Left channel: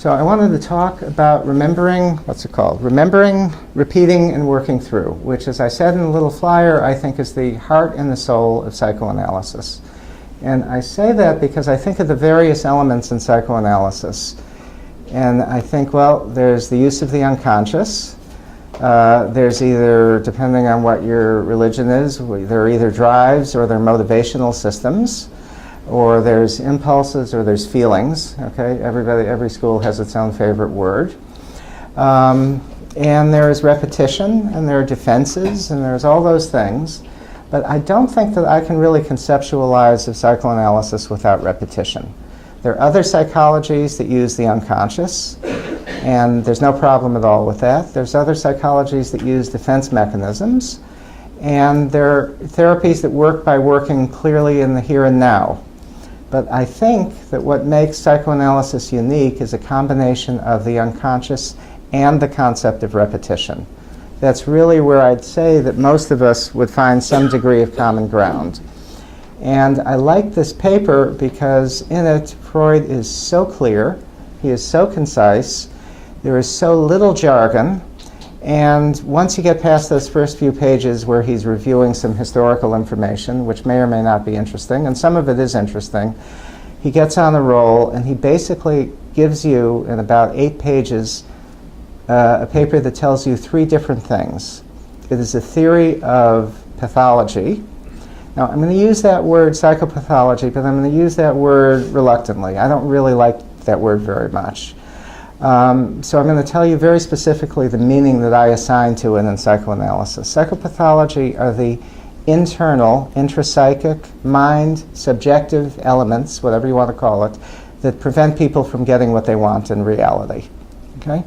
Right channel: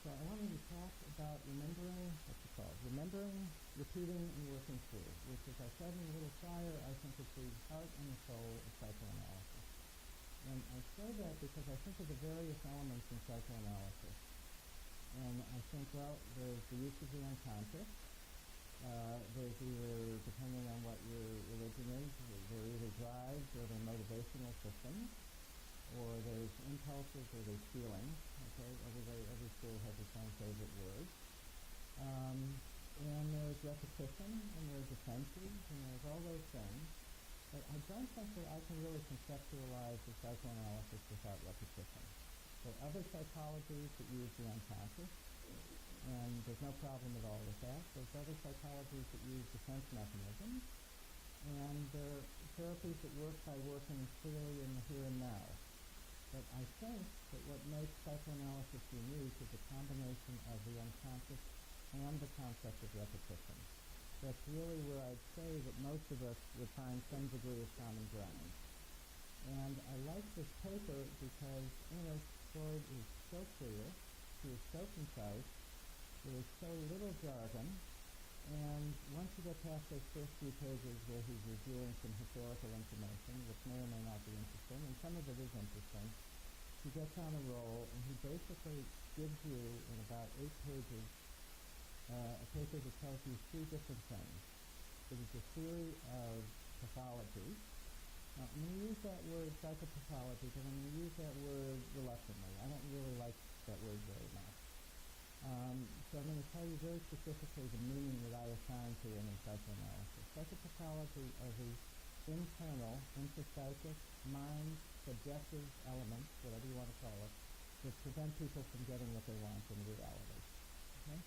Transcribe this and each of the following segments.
So I wanted to talk about remembering, Remembering, repeating, and working through, which, as I said in the little flyer, I think is the heart and the soul of psychoanalysis. And I say that because I think of the various elements in psychoanalysis. And I think, well, there's the use of the unconscious. There's either, depending on what your religion is, there are either drives or they're motivational systems, or there's impulses or there's feelings. Okay, every school has its own favorite word. And there's repetition, and there are defenses, and there's all those things. But I don't think that I can really conceptualize of psychoanalysis without repetition. There are other psychologies that use the unconscious, and there's no problem at all with that. There's other psychologies that use defense mechanisms, and there are therapies that work by working clearly in the here and now. But I think that what makes psychoanalysis unique is a combination of the unconscious and the concept of repetition. That's really where I'd say that most of us would find some degree of common ground. And I like this paper because in it, Freud is so clear, he is so concise, there is so little jargon, and once you get past those first few pages where he's reviewing some historical information, which may or may not be interesting, and some of it is interesting, he gets on a roll and he basically gives you, in about 8 pages, a paper that tells you 3 different things. It is a theory of pathology. Now, I'm going to use that word psychopathology, but I'm going to use that word reluctantly. I don't really like that word very much. So I'm going to tell you very specifically the meaning that I assign to it in psychoanalysis. Psychopathology are the internal, intrapsychic, mind, subjective elements, whatever you want to call it, that prevent people from getting what they want in reality. Okay?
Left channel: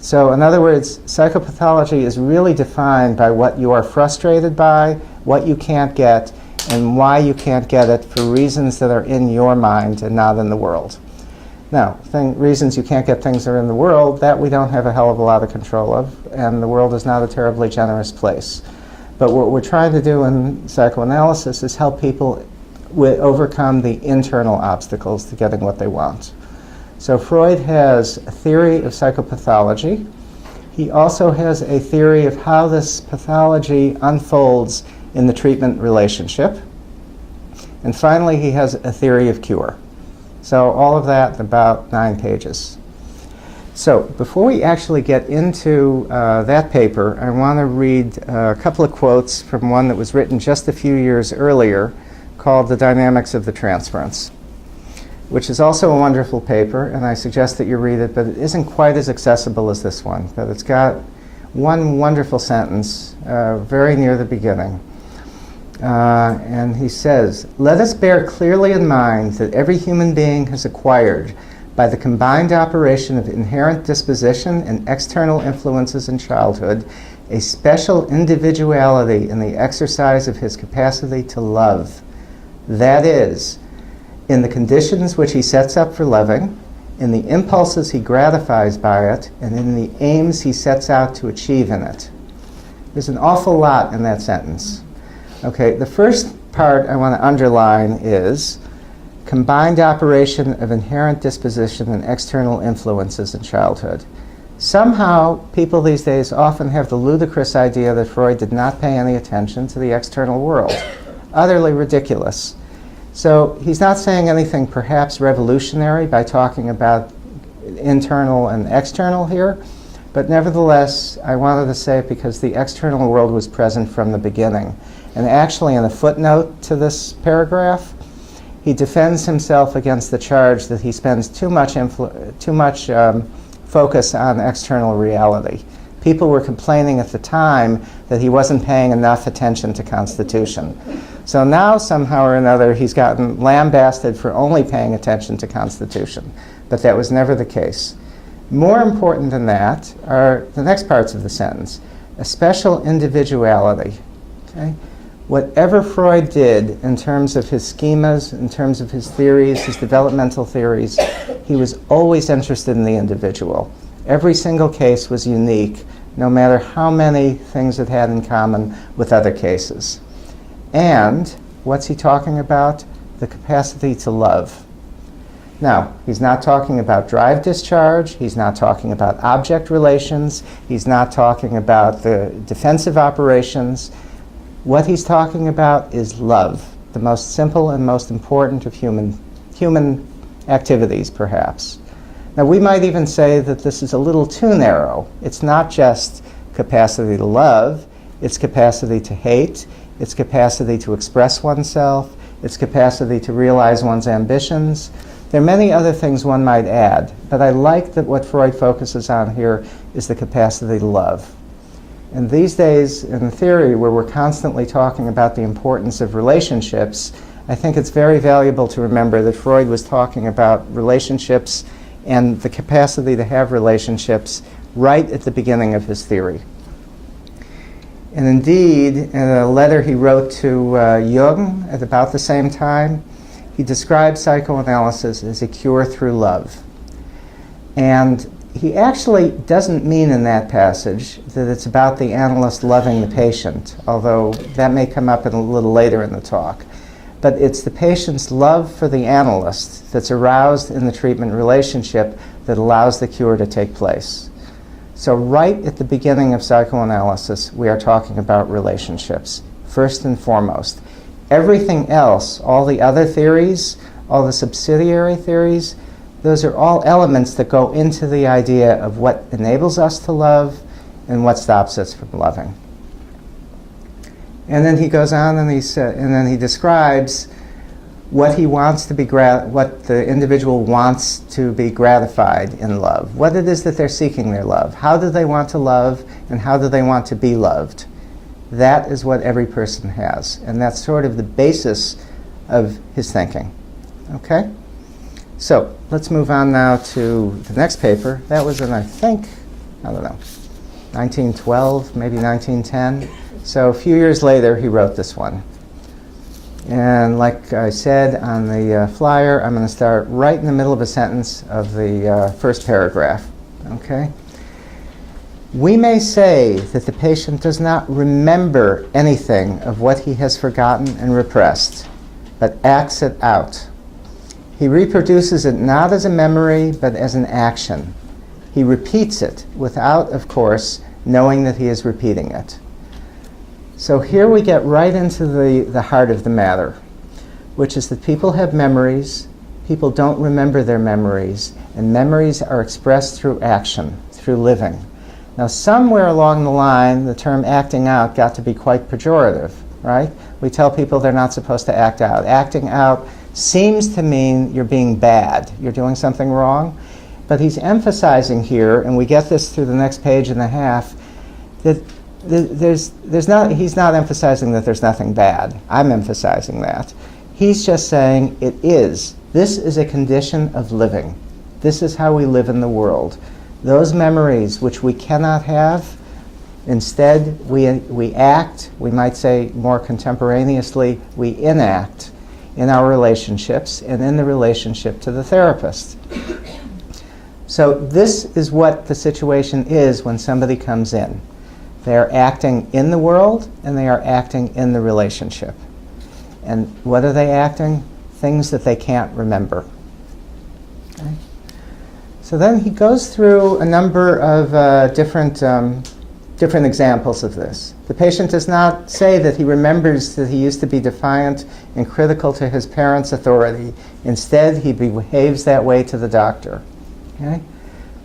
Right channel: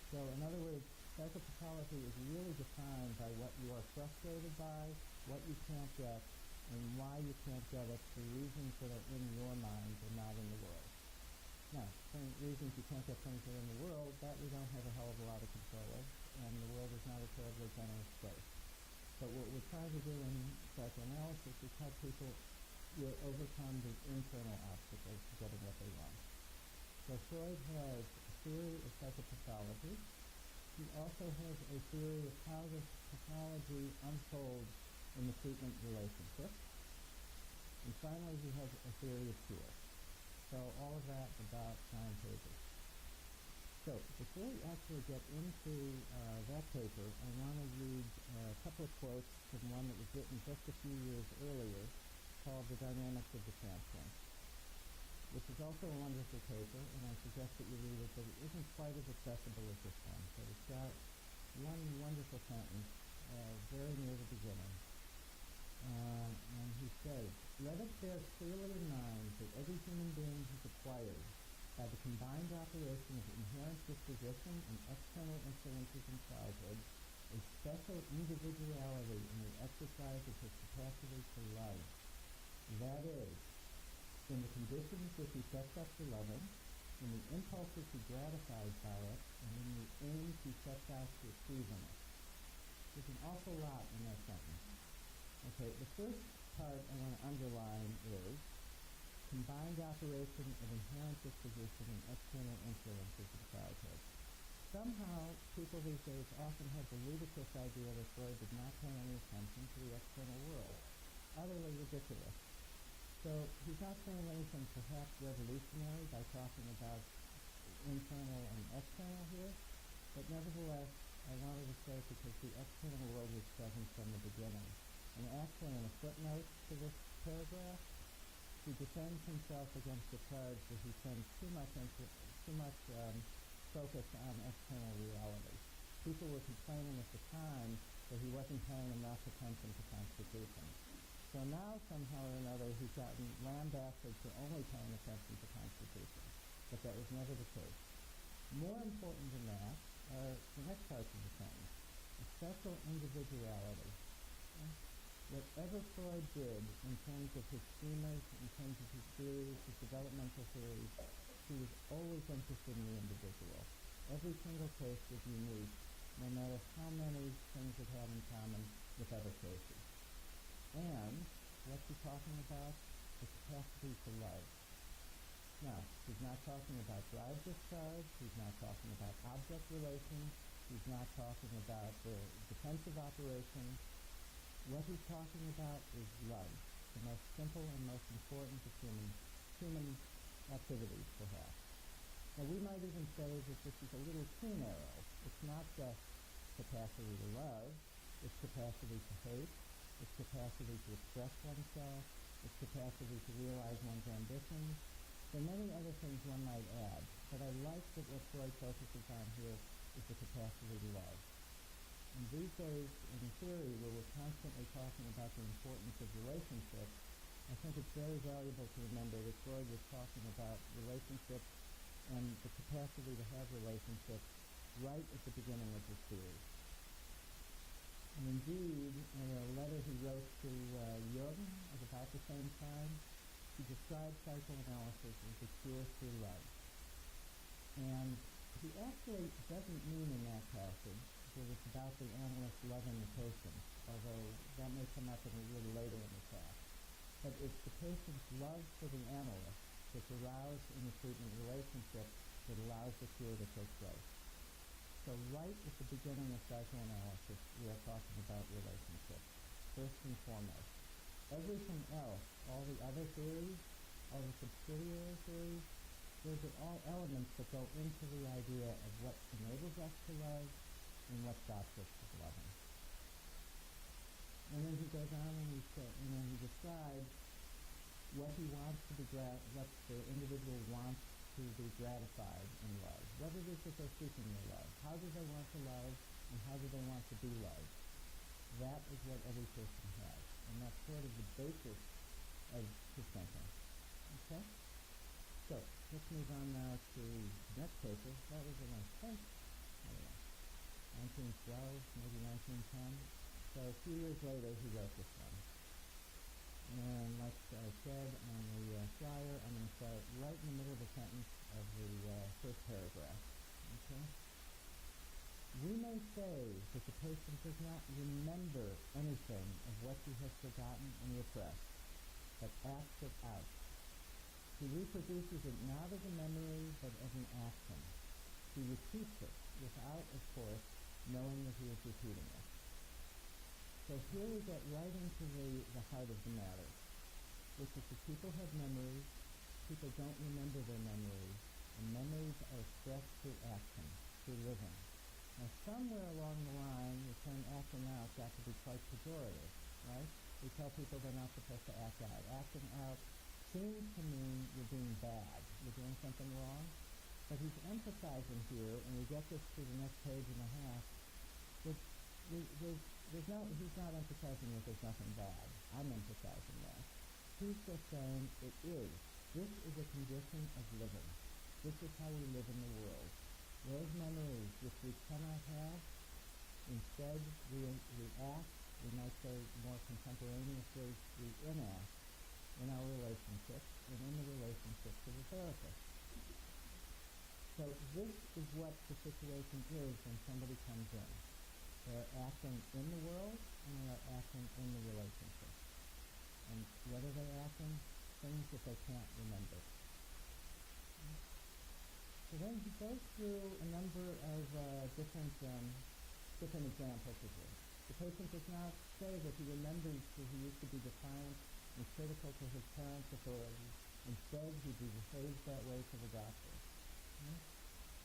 So in other words, psychopathology is really defined by what you are frustrated by, what you can't get, and why you can't get it for reasons that are in your mind and not in the world. Now, reasons you can't get things that are in the world, that we don't have a hell of a lot of control of, and the world is not a terribly generous place. But what we're trying to do in psychoanalysis is help people overcome the internal obstacles to getting what they want. So Freud has a theory of psychopathology. He also has a theory of how this pathology unfolds in the treatment relationship. And finally, he has a theory of cure. So all of that in about 9 pages. So before we actually get into that paper, I want to read a couple of quotes from one that was written just a few years earlier called The Dynamics of the Transference, which is also a wonderful paper, and I suggest that you read it, but it isn't quite as accessible as this one. But it's got one wonderful sentence very near the beginning. And he says, "Let us bear clearly in mind that every human being has acquired, by the combined operation of inherent disposition and external influences in childhood, a special individuality in the exercise of his capacity to love. That is, in the conditions which he sets up for loving, in the impulses he gratifies by it, and in the aims he sets out to achieve in it." There's an awful lot in that sentence. Okay, the first part I want to underline is combined operation of inherent disposition and external influences in childhood. Somehow, people these days often have the ludicrous idea that Freud did not pay any attention to the external world. Utterly ridiculous. So he's not saying anything perhaps revolutionary by talking about internal and external here, but nevertheless, I wanted to say it because the external world was present from the beginning. And actually, in a footnote to this paragraph, he defends himself against the charge that he spends too much focus on external reality. People were complaining at the time that he wasn't paying enough attention to Constitution. So now, somehow or another, he's gotten lambasted for only paying attention to Constitution. But that was never the case. More important than that are the next parts of the sentence. A special individuality. Okay? Whatever Freud did in terms of his schemas, in terms of his theories, his developmental theories, he was always interested in the individual. Every single case was unique, no matter how many things it had in common with other cases. And what's he talking about? The capacity to love. Now, he's not talking about drive discharge. He's not talking about object relations. He's not talking about the defensive operations. What he's talking about is love, the most simple and most important of human activities, perhaps. Now, we might even say that this is a little too narrow. It's not just capacity to love. It's capacity to hate. It's capacity to express oneself. It's capacity to realize one's ambitions. There are many other things one might add, but I like that what Freud focuses on here is the capacity to love. And these days, in theory, where we're constantly talking about the importance of relationships, I think it's very valuable to remember that Freud was talking about relationships and the capacity to have relationships right at the beginning of his theory. And indeed, in a letter he wrote to Jung at about the same time, he described psychoanalysis as a cure through love. And he actually doesn't mean in that passage that it's about the analyst loving the patient, although that may come up a little later in the talk. But it's the patient's love for the analyst that's aroused in the treatment relationship that allows the cure to take place. So right at the beginning of psychoanalysis, we are talking about relationships, first and foremost. Everything else, all the other theories, all the subsidiary theories, those are all elements that go into the idea of what enables us to love and what stops us from loving. And then he goes on and then he describes what he wants to be what the individual wants to be gratified in love, what it is that they're seeking their love, how do they want to love, and how do they want to be loved. That is what every person has, and that's sort of the basis of his thinking. Okay? So let's move on now to the next paper. That was in, I think, 1912, maybe 1910. So a few years later, he wrote this one. And like I said on the flyer, I'm going to start right in the middle of a sentence of the first paragraph. Okay? We may say that the patient does not remember anything of what he has forgotten and repressed, but acts it out. He reproduces it not as a memory, but as an action. He repeats it without, of course, knowing that he is repeating it. So here we get right into the heart of the matter, which is that people have memories, people don't remember their memories, and memories are expressed through action, through living. Now, somewhere along the line, the term acting out got to be quite pejorative, right? We tell people they're not supposed to act out. Acting out seems to mean you're being bad, you're doing something wrong. But he's emphasizing here, and we get this through the next page and a half, that he's not emphasizing that there's nothing bad. I'm emphasizing that. He's just saying it is. This is a condition of living. This is how we live in the world. Those memories which we cannot have, instead we act, we might say more contemporaneously, we enact in our relationships and in the relationship to the therapist. So this is what the situation is when somebody comes in. They are acting in the world and they are acting in the relationship. And what are they acting? Things that they can't remember. Okay? So then he goes through a number of different examples of this. The patient does not say that he remembers that he used to be defiant and critical to his parents' authority. Instead, he behaves that way to the doctor. Okay?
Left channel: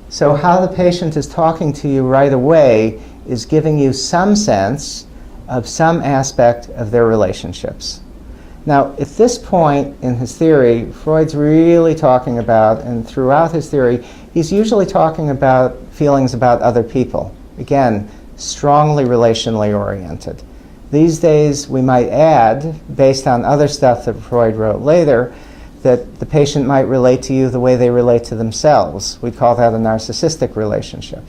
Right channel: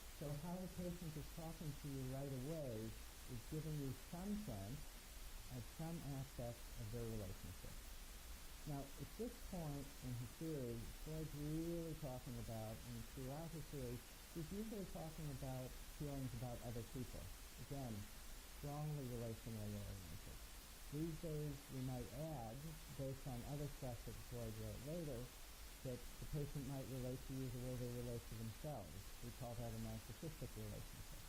So how the patient is talking to you right away is giving you some sense of some aspect of their relationships. Now, at this point in his theory, Freud's really talking about, and throughout his theory, he's usually talking about feelings about other people. Again, strongly relationally oriented. These days, we might add, based on other stuff that Freud wrote later, that the patient might relate to you the way they relate to themselves. We'd call that a narcissistic relationship.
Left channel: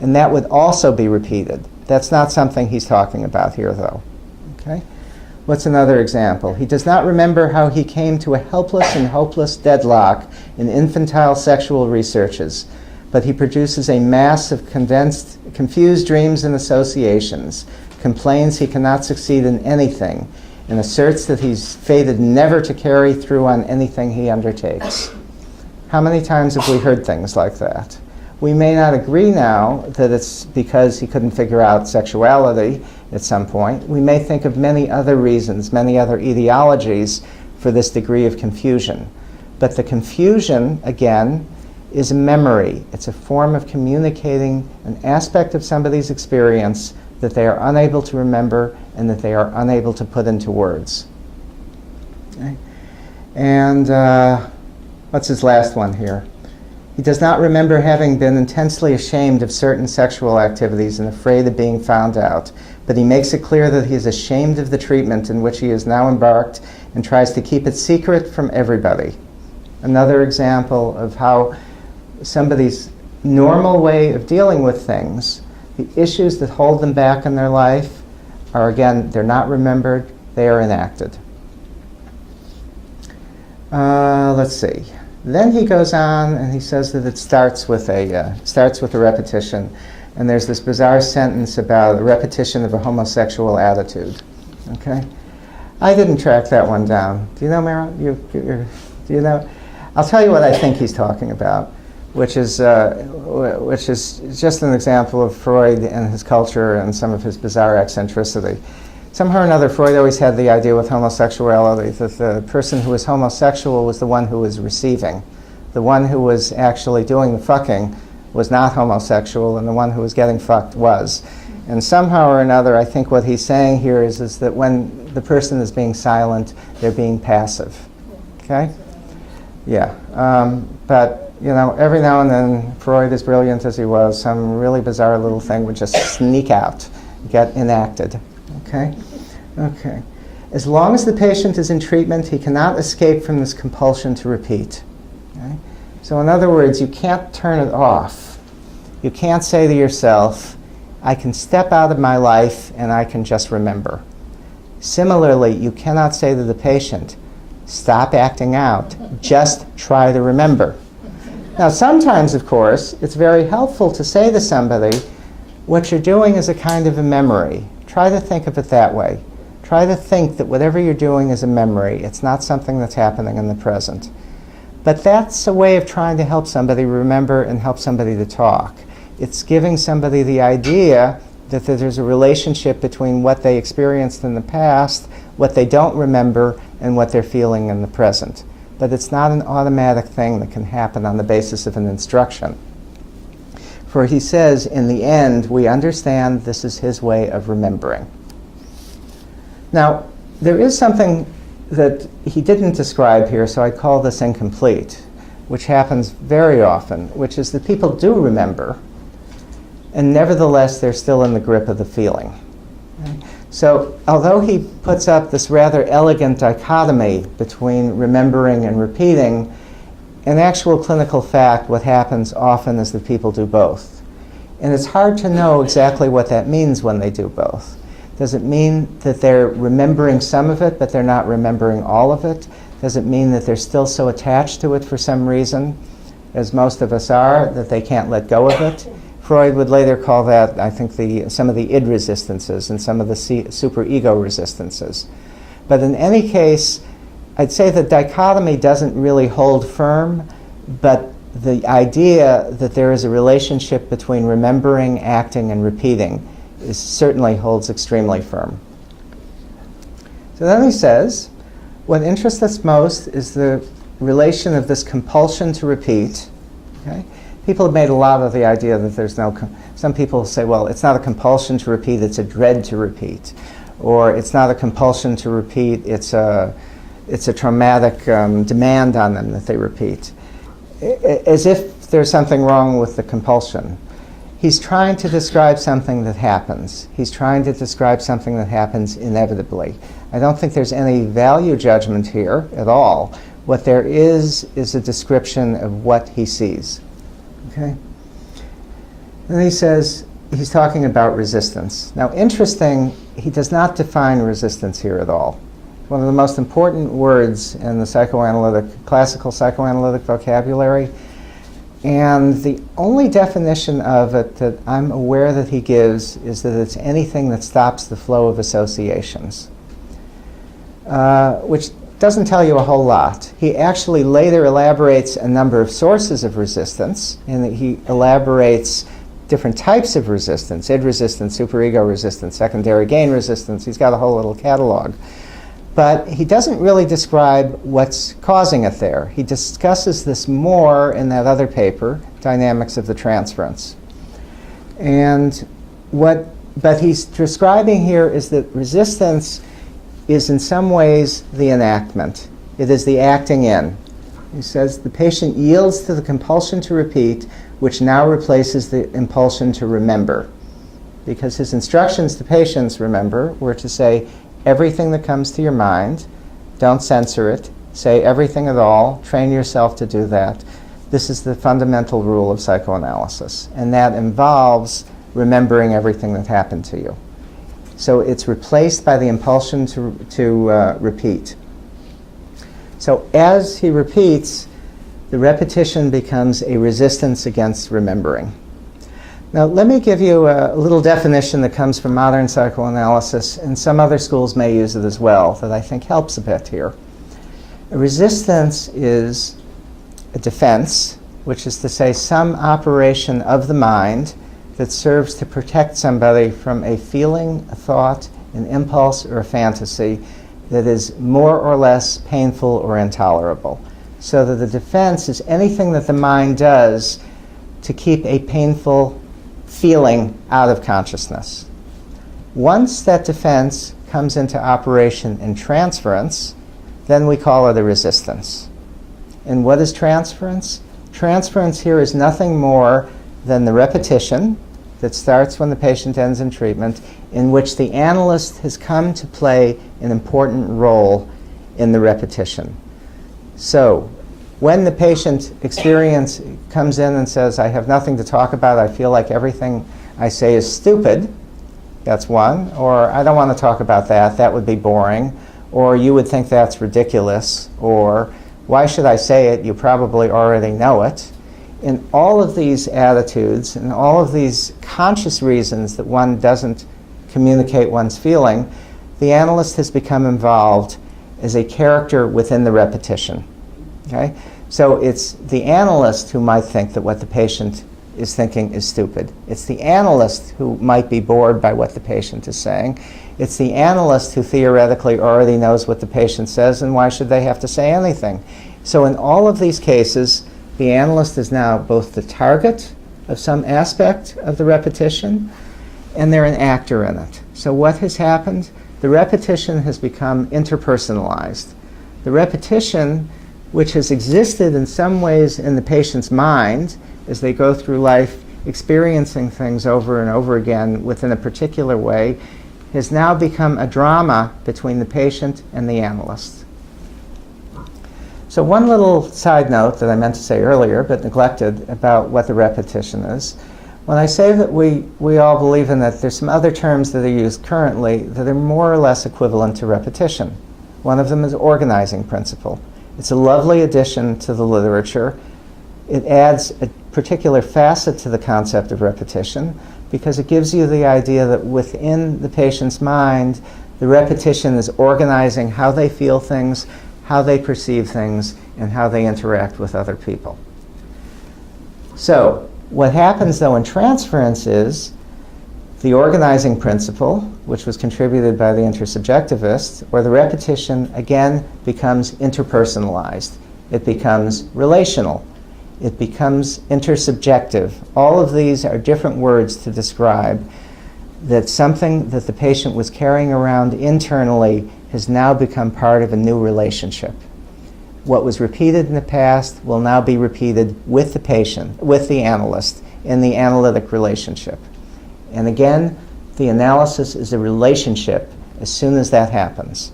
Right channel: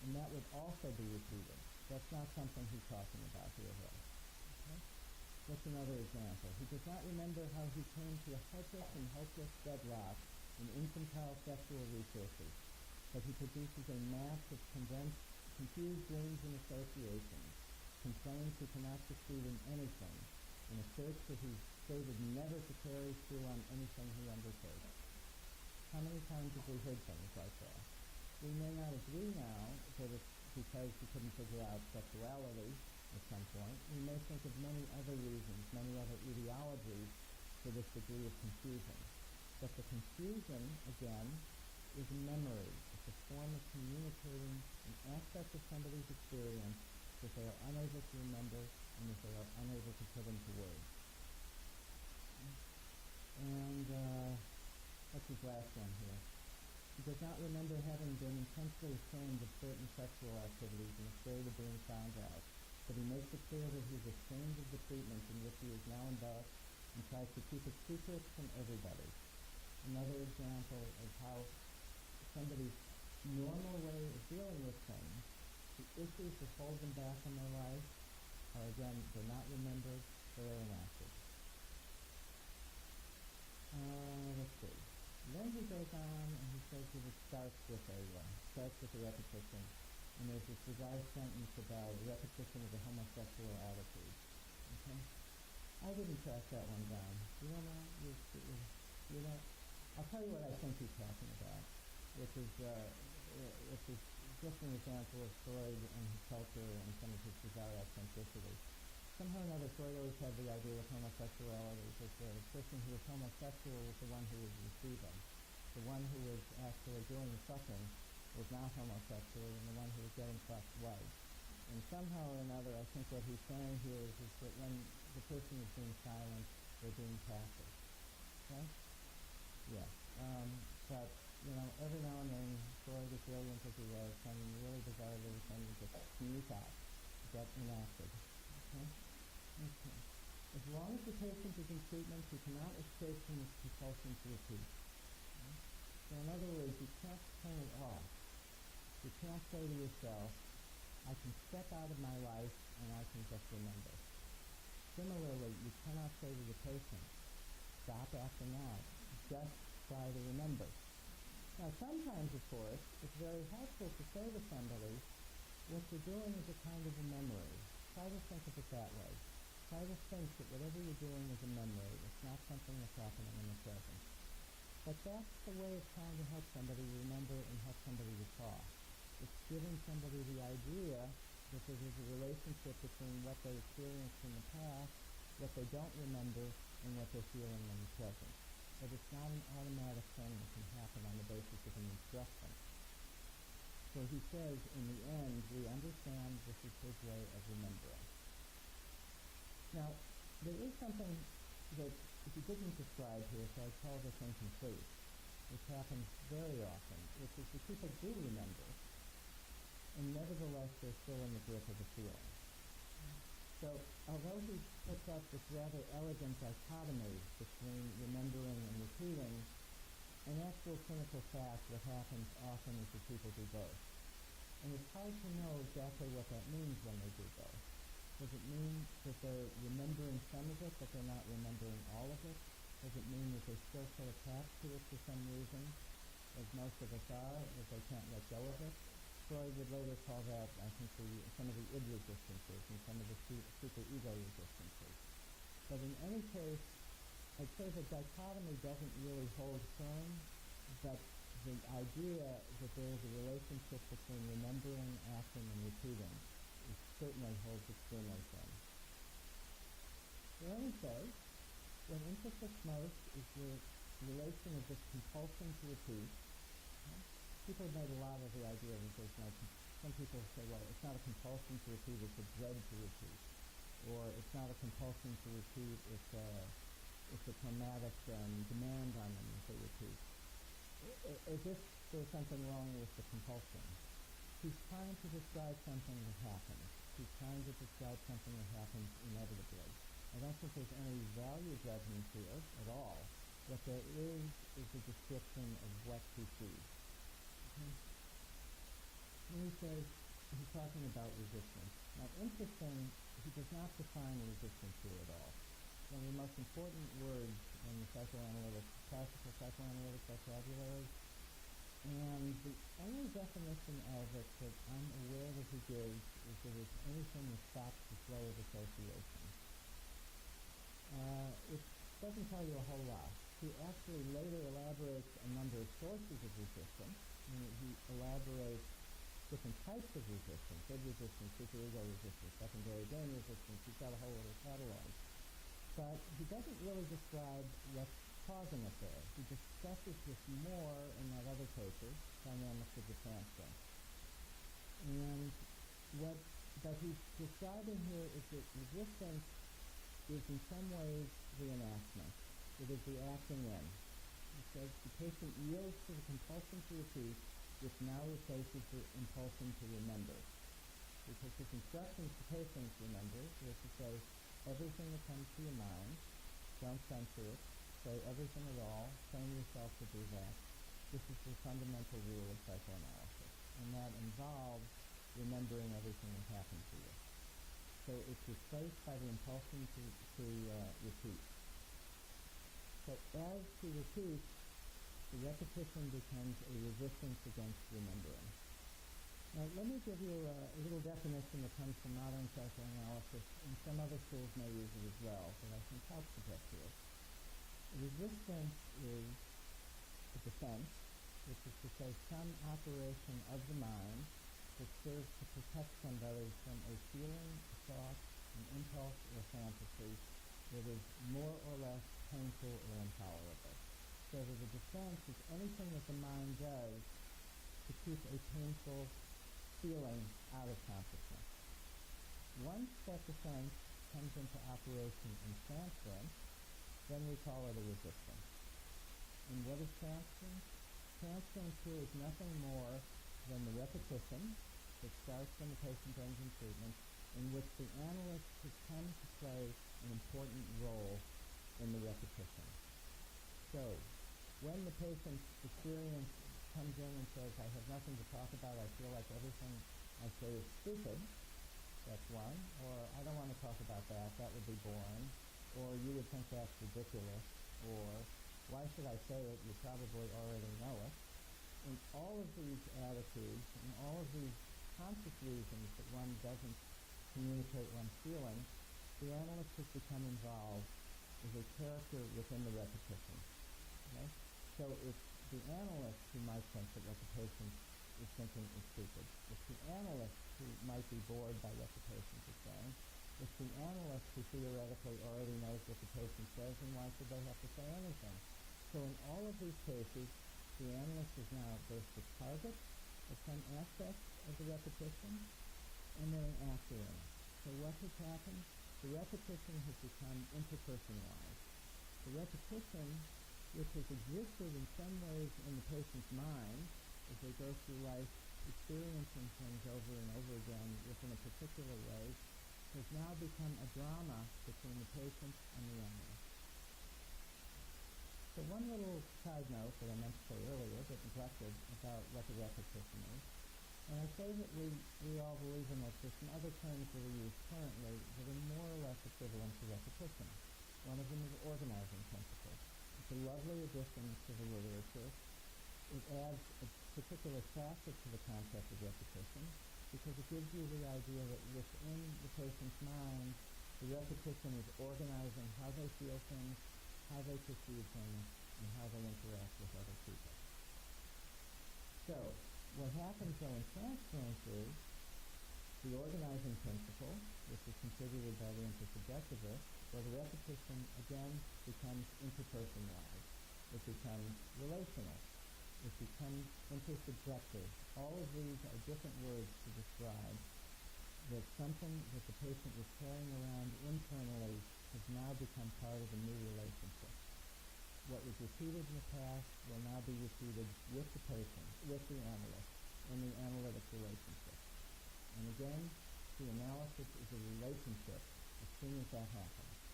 And that would also be repeated. That's not something he's talking about here, though. Okay? What's another example? He does not remember how he came to a helpless and hopeless deadlock in infantile sexual researches, but he produces a mass of confused dreams and associations, complains he cannot succeed in anything, and asserts that he's fated never to carry through on anything he undertakes. How many times have we heard things like that? We may not agree now that it's because he couldn't figure out sexuality at some point. We may think of many other reasons, many other etiologies for this degree of confusion. But the confusion, again, is a memory. It's a form of communicating an aspect of somebody's experience that they are unable to remember and that they are unable to put into words. Okay? And what's his last one here? He does not remember having been intensely ashamed of certain sexual activities and afraid of being found out, but he makes it clear that he is ashamed of the treatment in which he is now embarked and tries to keep it secret from everybody. Another example of how somebody's normal way of dealing with things, the issues that hold them back in their life are, again, they're not remembered, they are enacted. Let's see. Then he goes on and he says that it starts with a repetition. And there's this bizarre sentence about a repetition of a homosexual attitude. Okay? I didn't track that one down. Do you know, Mara? Do you know? I'll tell you what I think he's talking about, which is just an example of Freud and his culture and some of his bizarre eccentricity. Somehow or another, Freud always had the idea with homosexuality that the person who was homosexual was the one who was receiving. The one who was actually doing the fucking was not homosexual, and the one who was getting fucked was. And somehow or another, I think what he's saying here is that when the person is being silent, they're being passive. Okay? Yeah. But, you know, every now and then, Freud, as brilliant as he was, some really bizarre little thing would just sneak out, get enacted. Okay? Okay. As long as the patient is in treatment, he cannot escape from this compulsion to repeat. Okay? So in other words, you can't turn it off. You can't say to yourself, I can step out of my life and I can just remember. Similarly, you cannot say to the patient, stop acting out, just try to remember. Now sometimes, of course, it's very helpful to say to somebody, what you're doing is a kind of a memory. Try to think of it that way. Try to think that whatever you're doing is a memory. It's not something that's happening in the present. But that's a way of trying to help somebody remember and help somebody to talk. It's giving somebody the idea that there's a relationship between what they experienced in the past, what they don't remember, and what they're feeling in the present. But it's not an automatic thing that can happen on the basis of an instruction. For he says, in the end, we understand this is his way of remembering. Now, there is something that he didn't describe here, so I call this incomplete, which happens very often, which is that people do remember, and nevertheless they're still in the grip of the feeling. Okay? So although he puts up this rather elegant dichotomy between remembering and repeating, in actual clinical fact, what happens often is that people do both. And it's hard to know exactly what that means when they do both. Does it mean that they're remembering some of it, but they're not remembering all of it? Does it mean that they're still so attached to it for some reason, as most of us are, that they can't let go of it? Freud would later call that, I think, some of the id resistances and some of the superego resistances. But in any case, I'd say the dichotomy doesn't really hold firm, but the idea that there is a relationship between remembering, acting, and repeating certainly holds extremely firm. So then he says, what interests us most is the relation of this compulsion to repeat. Okay? People have made a lot of the idea that there's no, some people say, well, it's not a compulsion to repeat, it's a dread to repeat. Or it's not a compulsion to repeat, it's a traumatic demand on them that they repeat. As if there's something wrong with the compulsion. He's trying to describe something that happens. He's trying to describe something that happens inevitably. I don't think there's any value judgment here at all. What there is a description of what he sees. Okay? And he says, he's talking about resistance. Now, interesting, he does not define resistance here at all. One of the most important words in the classical psychoanalytic vocabulary, and the only definition of it that I'm aware that he gives is that it's anything that stops the flow of associations, which doesn't tell you a whole lot. He actually later elaborates a number of sources of resistance, and he elaborates different types of resistance: id resistance, superego resistance, secondary gain resistance. He's got a whole little catalog. But he doesn't really describe what's causing it there. He discusses this more in that other paper, Dynamics of the Transference. But he's describing here is that resistance is in some ways the enactment. It is the acting in. He says the patient yields to the compulsion to repeat, which now replaces the impulsion to remember. Because his instructions to patients, remember, were to say everything that comes to your mind, don't censor it, say everything at all, train yourself to do that. This is the fundamental rule of psychoanalysis, and that involves remembering everything that happened to you. So it's replaced by the impulsion to repeat. So as he repeats, the repetition becomes a resistance against remembering. Now let me give you a little definition that comes from modern psychoanalysis, and some other schools may use it as well, that I think helps a bit here. A resistance is a defense, which is to say some operation of the mind that serves to protect somebody from a feeling, a thought, an impulse, or a fantasy that is more or less painful or intolerable. So that the defense is anything that the mind does to keep a painful feeling out of consciousness. Once that defense comes into operation in transference, then we call it a resistance. And what is transference? Transference here is nothing more than the repetition that starts when the patient ends in treatment, in which the analyst has come to play an important role in the repetition. So when the patient experience comes in and says, I have nothing to talk about, I feel like everything I say is stupid, that's one. Or I don't want to talk about that, that would be boring. Or you would think that's ridiculous. Or why should I say it? You probably already know it. In all of these attitudes and all of these conscious reasons that one doesn't communicate one's feeling, the analyst has become involved as a character within the repetition. Okay? So it's the analyst who might think that what the patient is thinking is stupid. It's the analyst who might be bored by what the patient is saying. It's the analyst who theoretically already knows what the patient says, and why should they have to say anything? So in all of these cases, the analyst is now both the target of some aspect of the repetition, and they're an actor in it. So what has happened? The repetition has become interpersonalized. The repetition, which has existed in some ways in the patient's mind as they go through life experiencing things over and over again within a particular way, has now become a drama between the patient and the analyst. So one little side note that I meant to say earlier but neglected about what the repetition is. When I say that we all believe in that, there's some other terms that are used currently that are more or less equivalent to repetition. One of them is organizing principle. It's a lovely addition to the literature. It adds a particular facet to the concept of repetition because it gives you the idea that within the patient's mind, the repetition is organizing how they feel things, how they perceive things, and how they interact with other people. So what happens, though, in transference is the organizing principle, which was contributed by the intersubjectivists, or the repetition, again, becomes interpersonalized. It becomes relational. It becomes intersubjective. All of these are different words to describe that something that the patient was carrying around internally has now become part of a new relationship. What was repeated in the past will now be repeated with the patient, with the analyst, in the analytic relationship. And again, the analysis is a relationship as soon as that happens.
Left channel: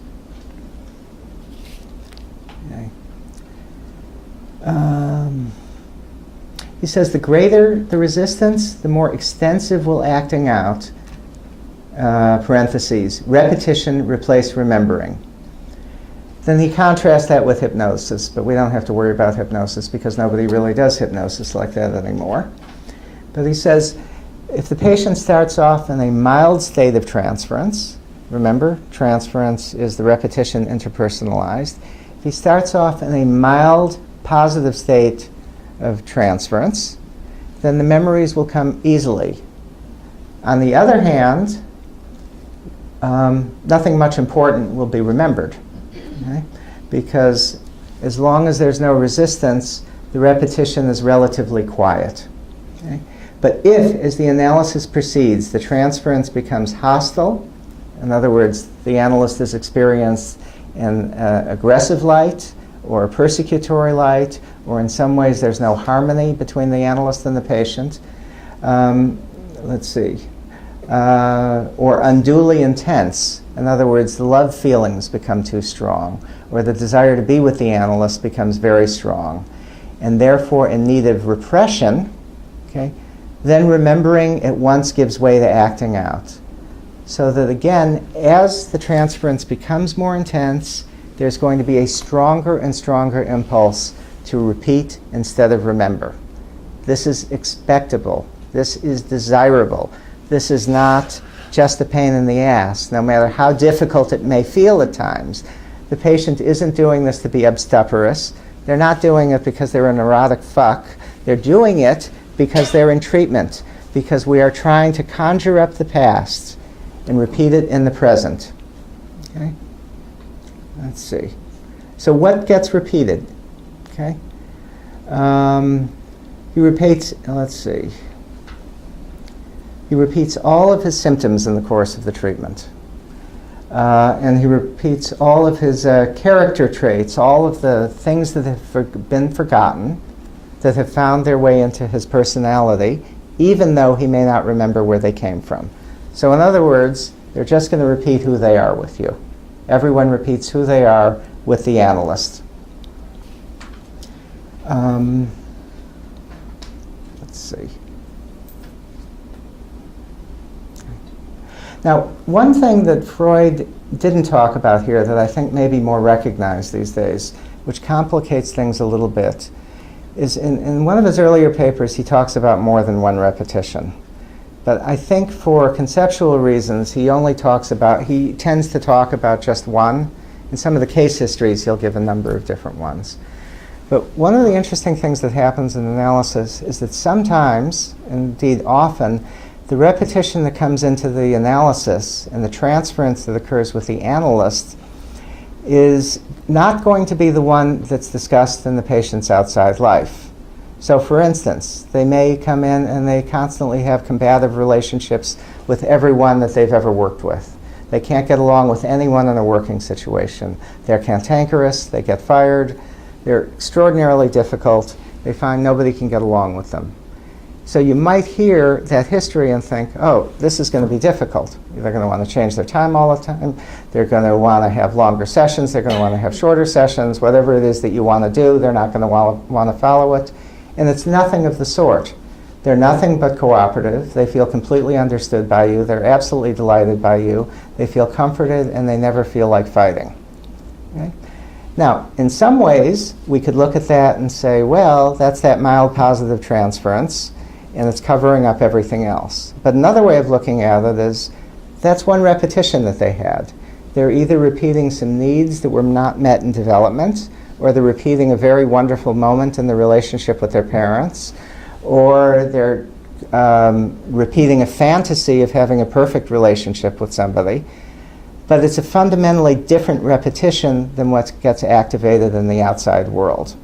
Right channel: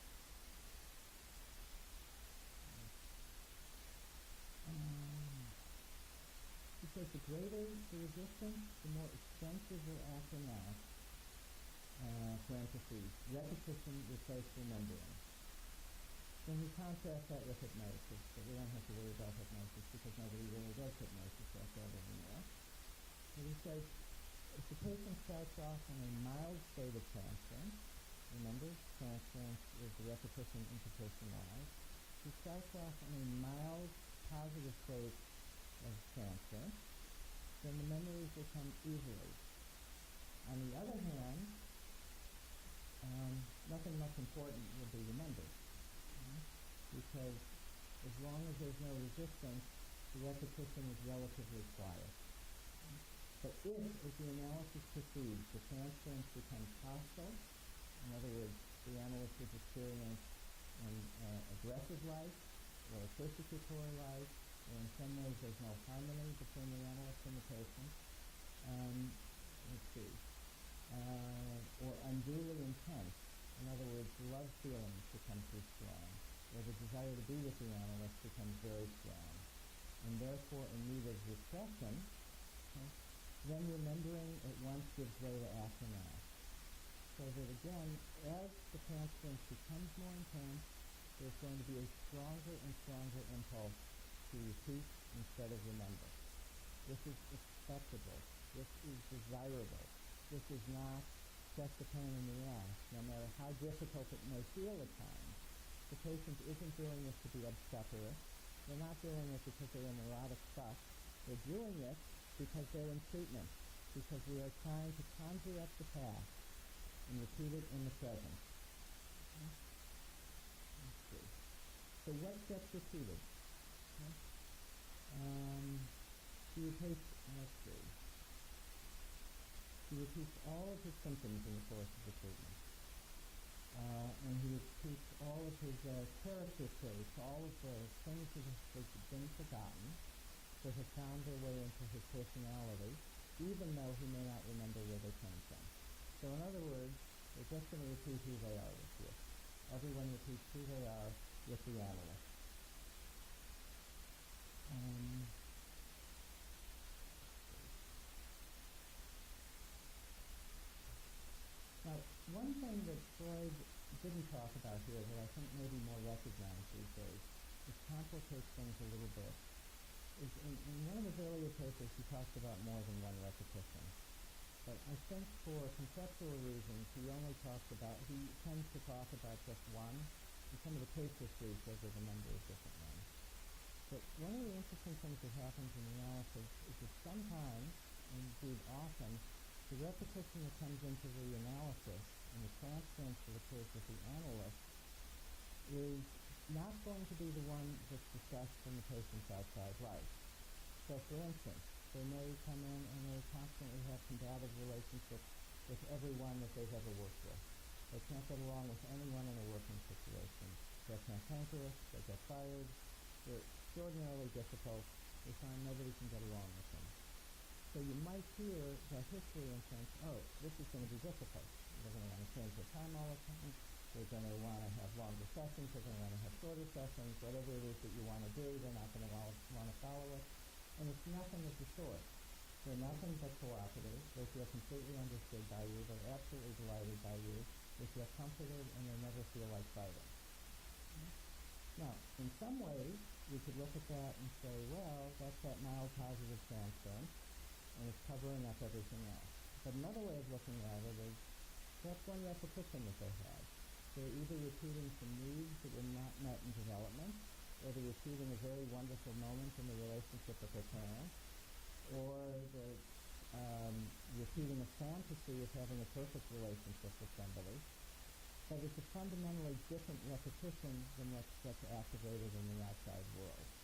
Okay. He says the greater the resistance, the more extensive will acting out, parentheses, repetition replace remembering. Then he contrasts that with hypnosis, but we don't have to worry about hypnosis because nobody really does hypnosis like that anymore. But he says, if the patient starts off in a mild state of transference, remember, transference is the repetition interpersonalized. If he starts off in a mild positive state of transference, then the memories will come easily. On the other hand, nothing much important will be remembered, okay? Because as long as there's no resistance, the repetition is relatively quiet. Okay? But if, as the analysis proceeds, the transference becomes hostile, in other words, the analyst is experienced in aggressive light or a persecutory light, or in some ways there's no harmony between the analyst and the patient, or unduly intense. In other words, the love feelings become too strong, or the desire to be with the analyst becomes very strong, and therefore in need of repression, okay, then remembering at once gives way to acting out. So that again, as the transference becomes more intense, there's going to be a stronger and stronger impulse to repeat instead of remember. This is expectable. This is desirable. This is not just a pain in the ass, no matter how difficult it may feel at times. The patient isn't doing this to be obstreperous. They're not doing it because they're a neurotic fuck. They're doing it because they're in treatment, because we are trying to conjure up the past and repeat it in the present. Okay? Let's see. So what gets repeated? Okay? He repeats, let's see. He repeats all of his symptoms in the course of the treatment. And he repeats all of his character traits, all of the things that have been forgotten, that have found their way into his personality, even though he may not remember where they came from. So in other words, they're just going to repeat who they are with you. Everyone repeats who they are with the analyst. Let's see. Now, one thing that Freud didn't talk about here that I think may be more recognized these days, which complicates things a little bit, is in one of his earlier papers he talks about more than one repetition. But I think for conceptual reasons he tends to talk about just one. In some of the case histories he'll give a number of different ones. But one of the interesting things that happens in analysis is that sometimes, indeed often, the repetition that comes into the analysis and the transference that occurs with the analyst is not going to be the one that's discussed in the patient's outside life. So for instance, they may come in and they constantly have combative relationships with everyone that they've ever worked with. They can't get along with anyone in a working situation. They're cantankerous, they get fired, they're extraordinarily difficult, they find nobody can get along with them. So you might hear that history and think, oh, this is going to be difficult. They're going to want to change their time all the time. They're going to want to have longer sessions. They're going to want to have shorter sessions. Whatever it is that you want to do, they're not going to want to follow it. And it's nothing of the sort. They're nothing but cooperative. They feel completely understood by you. They're absolutely delighted by you. They feel comforted, and they never feel like fighting. Okay? Now, in some ways, we could look at that and say, well, that's that mild positive transference, and it's covering up everything else. But another way of looking at it is that's one repetition that they had. They're either repeating some needs that were not met in development, or they're repeating a very wonderful moment in the relationship with their parents, or they're repeating a fantasy of having a perfect relationship with somebody. But it's a fundamentally different repetition than what gets activated in the outside world.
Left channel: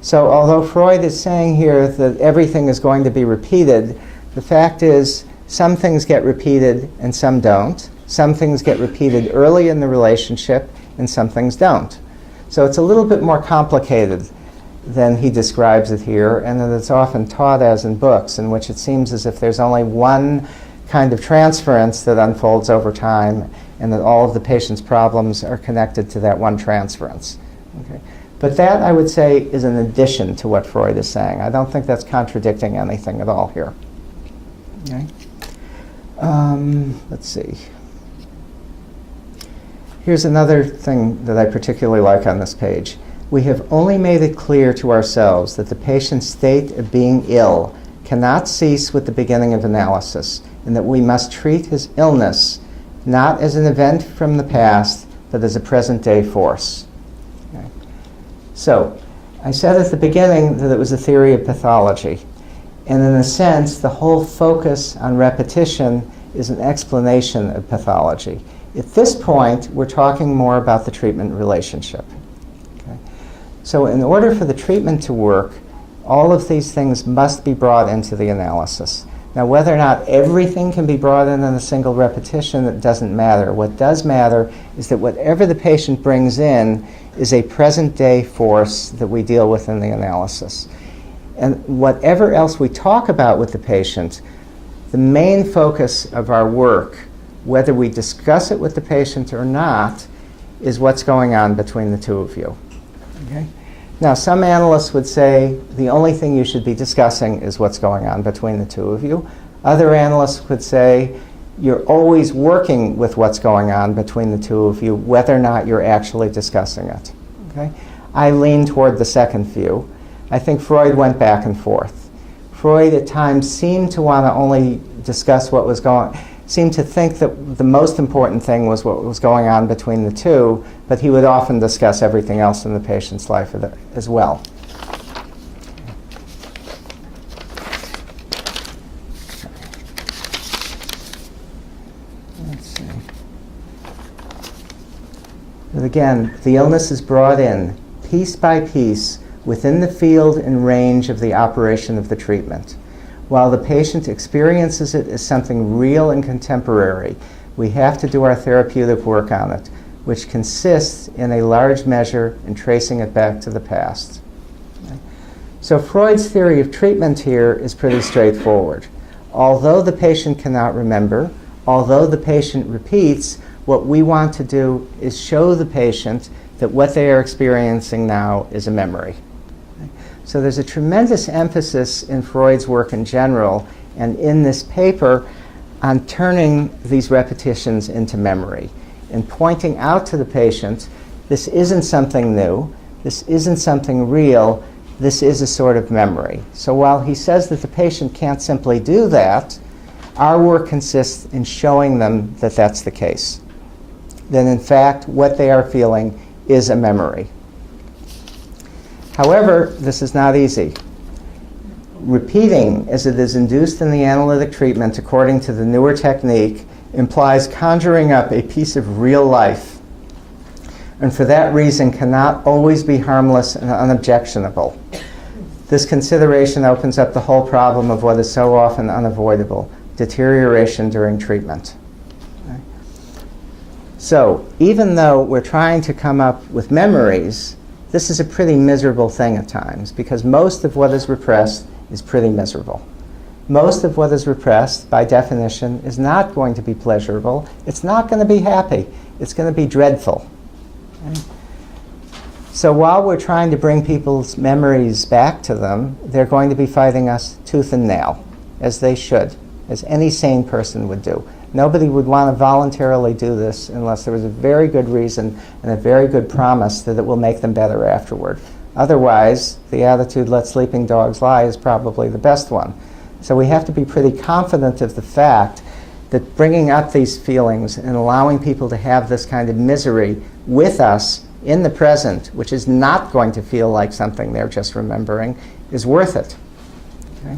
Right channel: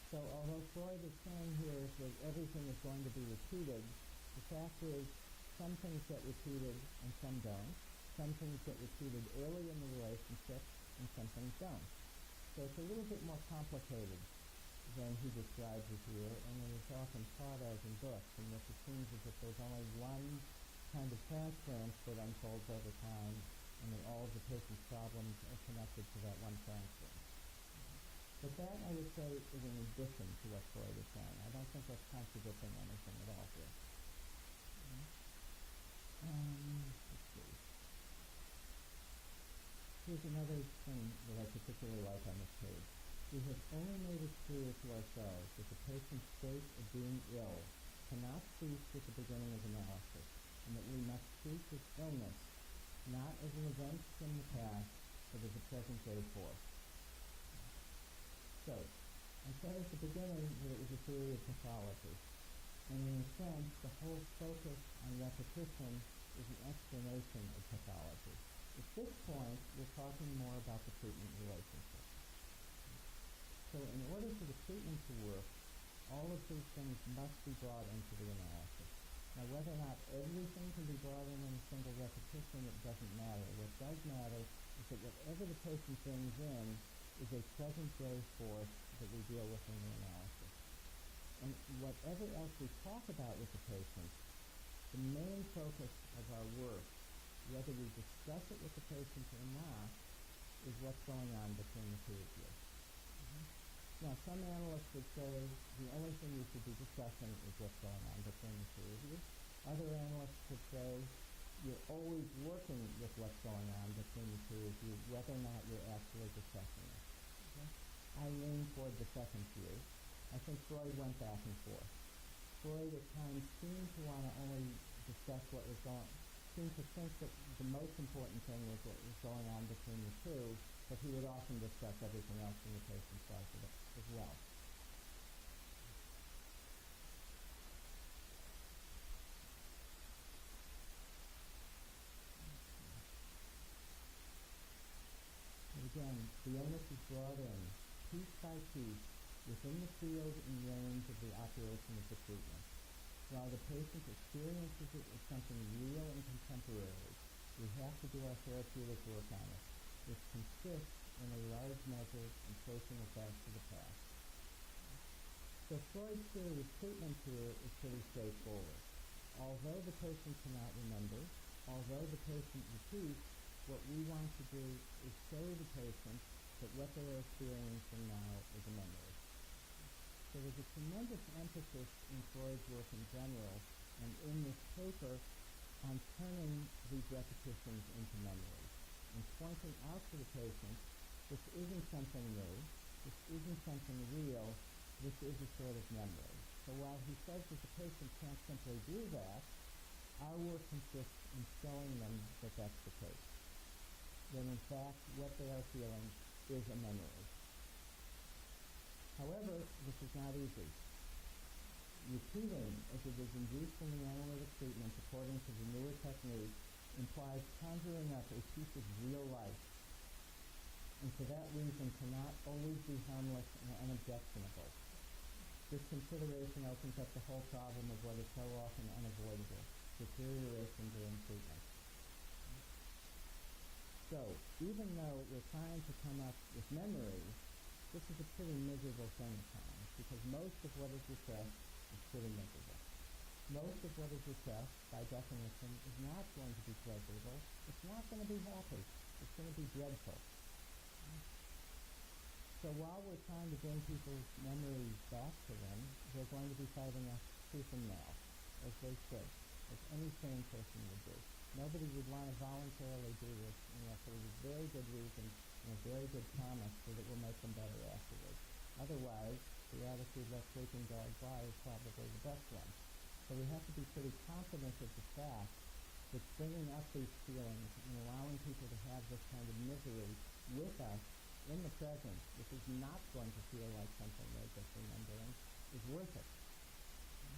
So although Freud is saying here that everything is going to be repeated, the fact is some things get repeated and some don't. Some things get repeated early in the relationship and some things don't. So it's a little bit more complicated than he describes it here, and that it's often taught as in books, in which it seems as if there's only one kind of transference that unfolds over time, and that all of the patient's problems are connected to that one transference. Okay. But that, I would say, is an addition to what Freud is saying. I don't think that's contradicting anything at all here. Okay. Let's see. Here's another thing that I particularly like on this page. We have only made it clear to ourselves that the patient's state of being ill cannot cease with the beginning of analysis, and that we must treat his illness not as an event from the past, but as a present-day force. Okay. So I said at the beginning that it was a theory of pathology. And in a sense, the whole focus on repetition is an explanation of pathology. At this point, we're talking more about the treatment relationship. Okay? So in order for the treatment to work, all of these things must be brought into the analysis. Now, whether or not everything can be brought in a single repetition, it doesn't matter. What does matter is that whatever the patient brings in is a present-day force that we deal with in the analysis. And whatever else we talk about with the patient, the main focus of our work, whether we discuss it with the patient or not, is what's going on between the two of you. Okay? Now, some analysts would say the only thing you should be discussing is what's going on between the two of you. Other analysts would say you're always working with what's going on between the two of you, whether or not you're actually discussing it. Okay? I lean toward the second view. I think Freud went back and forth. Freud at times seemed to want to only discuss what was going, seemed to think that the most important thing was what was going on between the two, but he would often discuss everything else in the patient's life as well. Let's see. But again, the illness is brought in piece by piece within the field and range of the operation of the treatment. While the patient experiences it as something real and contemporary, we have to do our therapeutic work on it, which consists in a large measure in tracing it back to the past. Okay? So Freud's theory of treatment here is pretty straightforward. Although the patient cannot remember, although the patient repeats, what we want to do is show the patient that what they are experiencing now is a memory. So there's a tremendous emphasis in Freud's work in general and in this paper on turning these repetitions into memory and pointing out to the patient, this isn't something new, this isn't something real, this is a sort of memory. So while he says that the patient can't simply do that, our work consists in showing them that that's the case. That in fact, what they are feeling is a memory. However, this is not easy. Repeating, as it is induced in the analytic treatment according to the newer technique, implies conjuring up a piece of real life, and for that reason cannot always be harmless and unobjectionable. This consideration opens up the whole problem of what is so often unavoidable, deterioration during treatment. Okay? So, even though we're trying to come up with memories, this is a pretty miserable thing at times, because most of what is repressed is pretty miserable. Most of what is repressed, by definition, is not going to be pleasurable. It's not going to be happy. It's going to be dreadful. Okay? So while we're trying to bring people's memories back to them, they're going to be fighting us tooth and nail, as they should, as any sane person would do. Nobody would want to voluntarily do this unless there was a very good reason and a very good promise that it will make them better afterward. Otherwise, the attitude, let sleeping dogs lie, is probably the best one. So we have to be pretty confident of the fact that bringing up these feelings and allowing people to have this kind of misery with us in the present, which is not going to feel like something they're just remembering, is worth it. Okay?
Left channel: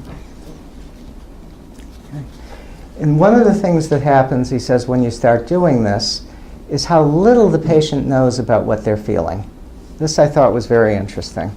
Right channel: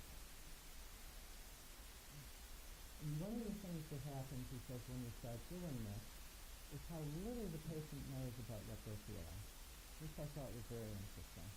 And one of the things that happens, he says, when you start doing this, is how little the patient knows about what they're feeling. This I thought was very interesting.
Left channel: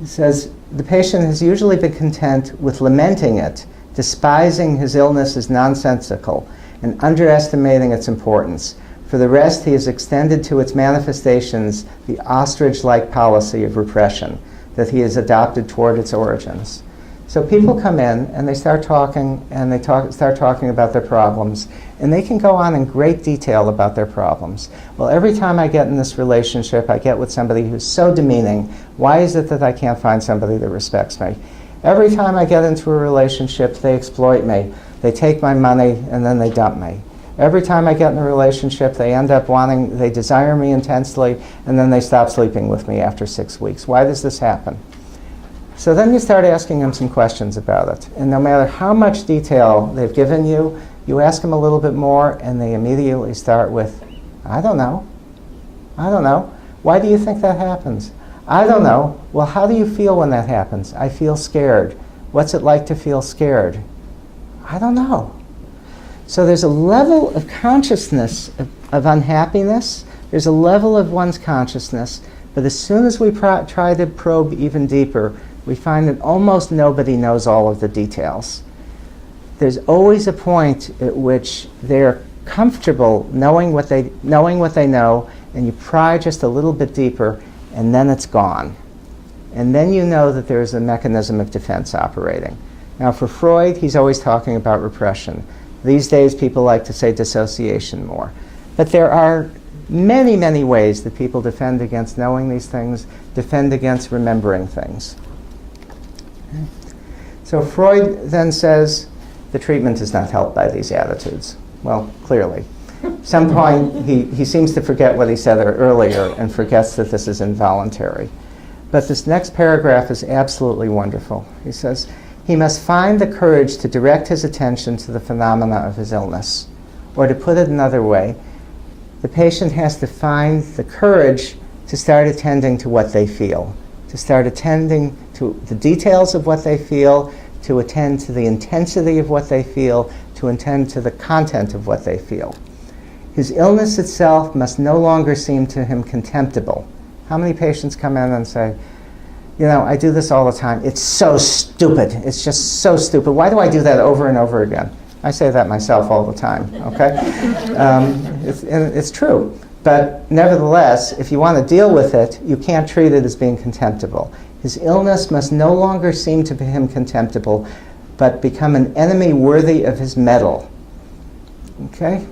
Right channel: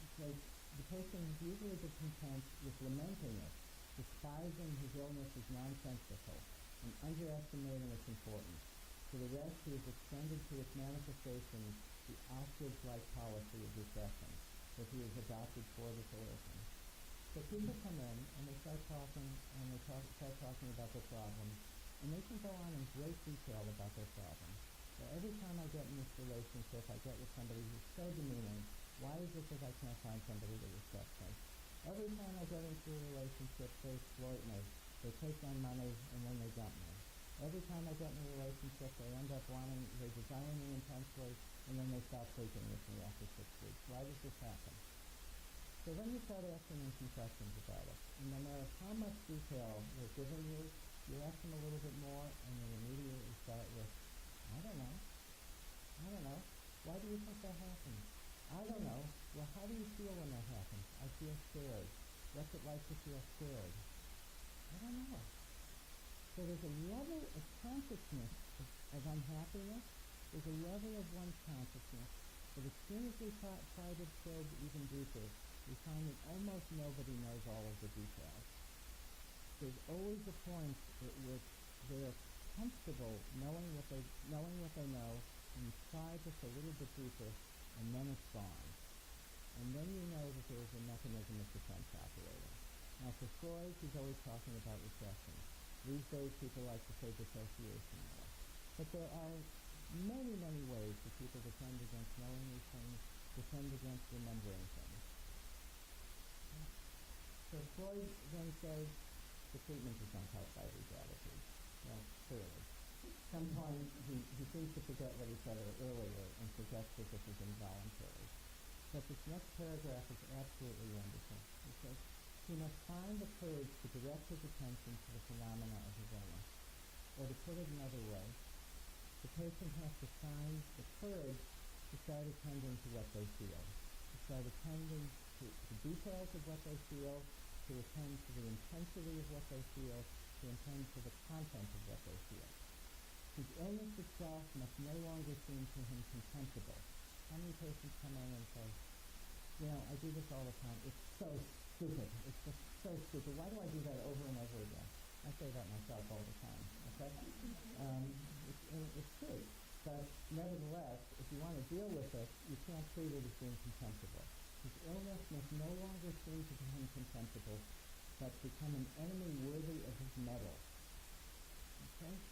He says, the patient has usually been content with lamenting it, despising his illness as nonsensical, and underestimating its importance. For the rest, he has extended to its manifestations the ostrich-like policy of repression that he has adopted toward its origins. So people come in and they start talking, and they start talking about their problems, and they can go on in great detail about their problems. Well, every time I get in this relationship, I get with somebody who's so demeaning. Why is it that I can't find somebody that respects me? Every time I get into a relationship, they exploit me. They take my money, and then they dump me. Every time I get in a relationship, they end up they desire me intensely, and then they stop sleeping with me after 6 weeks. Why does this happen? So then you start asking them some questions about it. And no matter how much detail they've given you, you ask them a little bit more, and they immediately start with, I don't know. I don't know. Why do you think that happens? I don't know. Well, how do you feel when that happens? I feel scared. What's it like to feel scared? I don't know. So there's a level of consciousness of unhappiness. There's a level of one's consciousness. But as soon as we try to probe even deeper, we find that almost nobody knows all of the details. There's always a point at which they're comfortable knowing what they know, and you pry just a little bit deeper, and then it's gone. And then you know that there's a mechanism of defense operating. Now for Freud, he's always talking about repression. These days people like to say dissociation more. But there are many, many ways that people defend against knowing these things, defend against remembering things. Okay. So Freud then says the treatment is not helped by these attitudes. Well, clearly. At some point, he seems to forget what he said earlier and forgets that this is involuntary. But this next paragraph is absolutely wonderful. He says, he must find the courage to direct his attention to the phenomena of his illness. Or to put it another way, the patient has to find the courage to start attending to what they feel, to start attending to the details of what they feel, to attend to the intensity of what they feel, to attend to the content of what they feel. His illness itself must no longer seem to him contemptible. How many patients come in and say, you know, I do this all the time. It's so stupid. It's just so stupid. Why do I do that over and over again? I say that myself all the time, okay? It's true. But nevertheless, if you want to deal with it, you can't treat it as being contemptible. His illness must no longer seem to him contemptible, but become an enemy worthy of his mettle. Okay?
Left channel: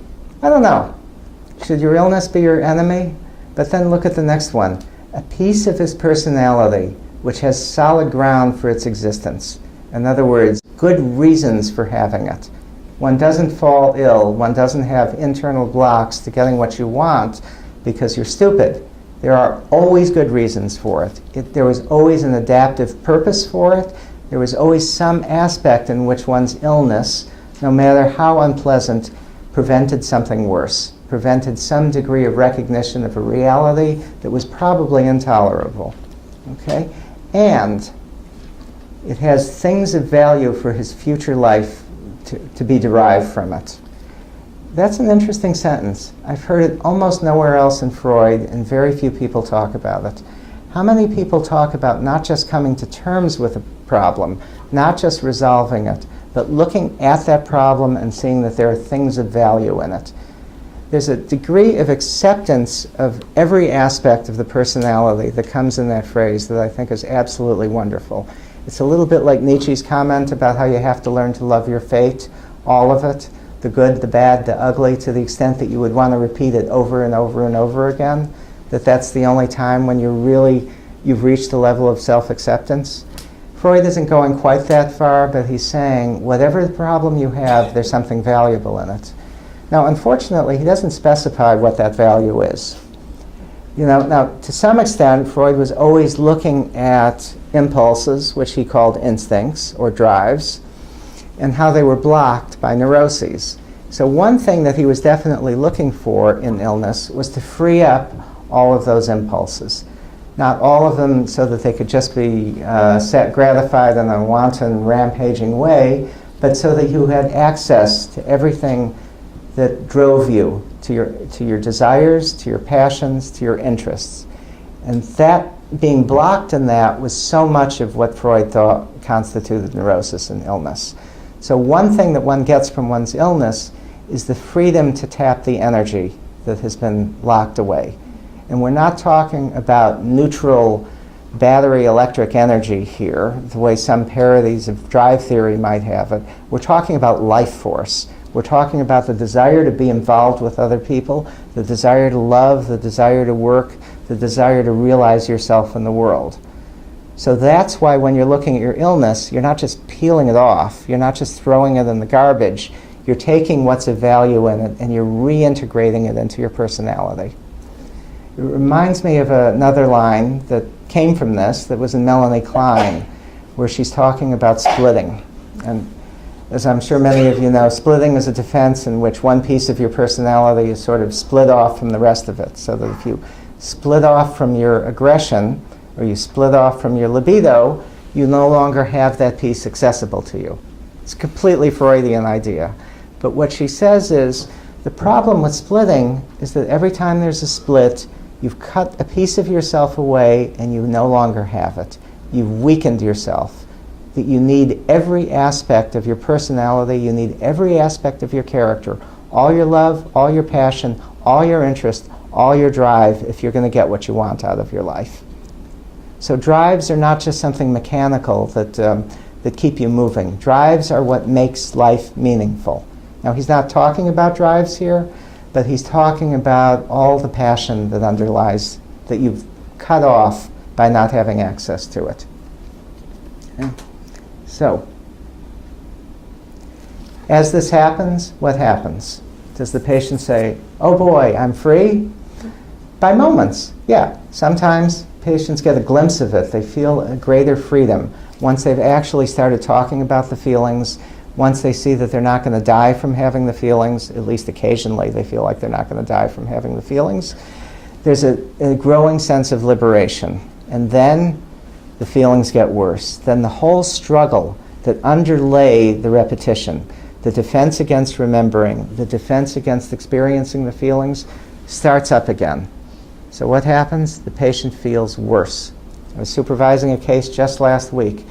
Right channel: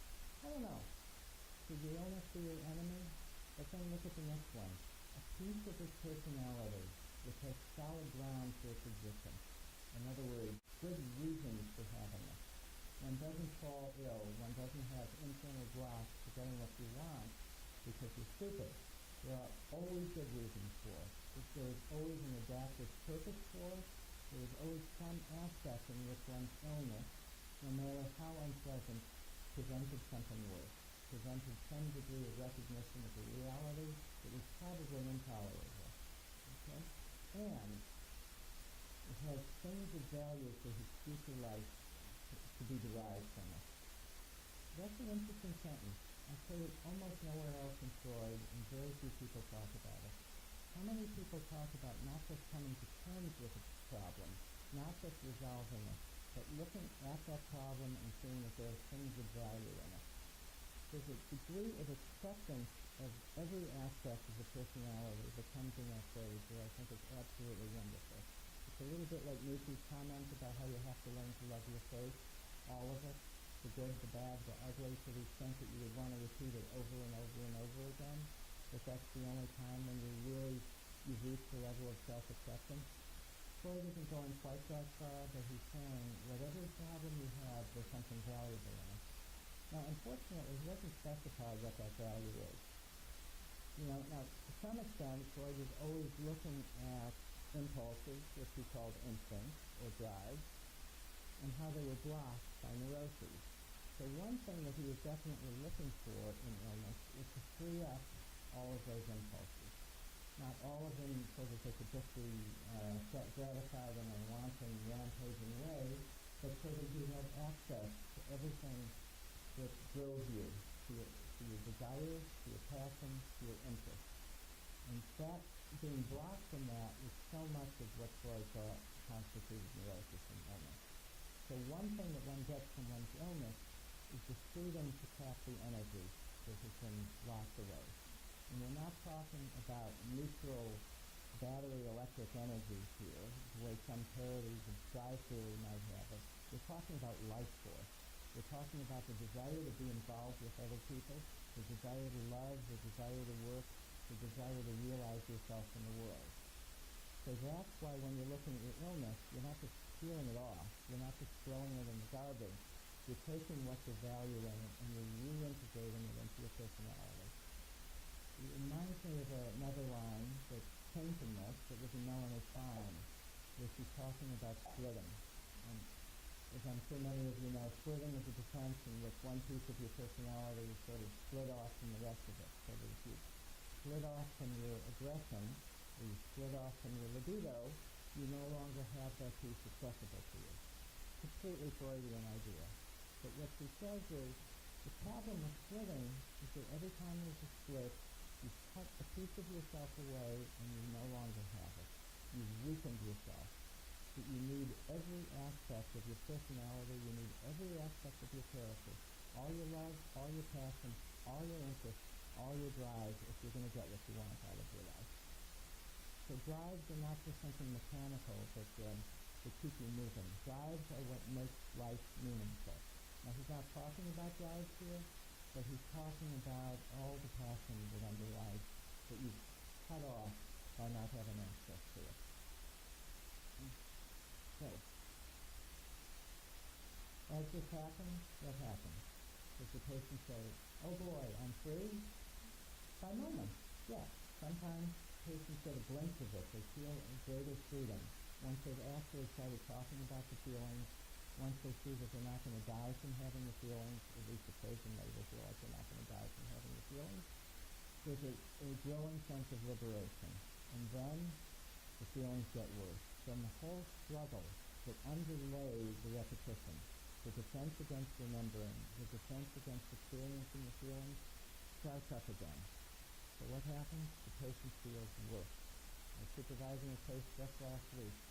I don't know. Should your illness be your enemy? But then look at the next one. A piece of his personality which has solid ground for its existence. In other words, good reasons for having it. One doesn't fall ill. One doesn't have internal blocks to getting what you want because you're stupid. There are always good reasons for it. There was always an adaptive purpose for it. There was always some aspect in which one's illness, no matter how unpleasant, prevented something worse, prevented some degree of recognition of a reality that was probably intolerable. Okay? And it has things of value for his future life to be derived from it. That's an interesting sentence. I've heard it almost nowhere else in Freud, and very few people talk about it. How many people talk about not just coming to terms with a problem, not just resolving it, but looking at that problem and seeing that there are things of value in it? There's a degree of acceptance of every aspect of the personality that comes in that phrase that I think is absolutely wonderful. It's a little bit like Nietzsche's comment about how you have to learn to love your fate, all of it, the good, the bad, the ugly, to the extent that you would want to repeat it over and over and over again, that's the only time when you've reached a level of self-acceptance. Freud isn't going quite that far, but he's saying whatever the problem you have, there's something valuable in it. Now, unfortunately, he doesn't specify what that value is. You know, now, to some extent, Freud was always looking at impulses, which he called instincts or drives, and how they were blocked by neuroses. So one thing that he was definitely looking for in illness was to free up all of those impulses. Not all of them so that they could just be gratified in a wanton, rampaging way, but so that you had access to everything that drove you, to your desires, to your passions, to your interests. And that being blocked in that was so much of what Freud thought constituted neurosis and illness. So one thing that one gets from one's illness is the freedom to tap the energy that has been locked away. And we're not talking about neutral battery electric energy here, the way some parodies of drive theory might have it. We're talking about life force. We're talking about the desire to be involved with other people, the desire to love, the desire to work, the desire to realize yourself in the world. So that's why when you're looking at your illness, you're not just peeling it off. You're not just throwing it in the garbage. You're taking what's of value in it and you're reintegrating it into your personality. It reminds me of another line that came from this that was in Melanie Klein, where she's talking about splitting. And as I'm sure many of you know, splitting is a defense in which one piece of your personality is sort of split off from the rest of it. So that if you split off from your aggression, or you split off from your libido, you no longer have that piece accessible to you. It's a completely Freudian idea. But what she says is, the problem with splitting is that every time there's a split, you've cut a piece of yourself away and you no longer have it. You've weakened yourself. That you need every aspect of your personality, you need every aspect of your character, all your love, all your passion, all your interest, all your drive, if you're going to get what you want out of your life. So drives are not just something mechanical that keep you moving. Drives are what makes life meaningful. Now, he's not talking about drives here, but he's talking about all the passion that underlies, that you've cut off by not having access to it. Okay. So, as this happens, what happens? Does the patient say, oh boy, I'm free? By moments, yeah. Sometimes patients get a glimpse of it. They feel a greater freedom once they've actually started talking about the feelings, once they see that they're not going to die from having the feelings, at least occasionally they feel like they're not going to die from having the feelings. There's a growing sense of liberation. And then the feelings get worse. Then the whole struggle that underlay the repetition, the defense against remembering, the defense against experiencing the feelings, starts up again. So what happens? The patient feels worse. I was supervising a case just last week.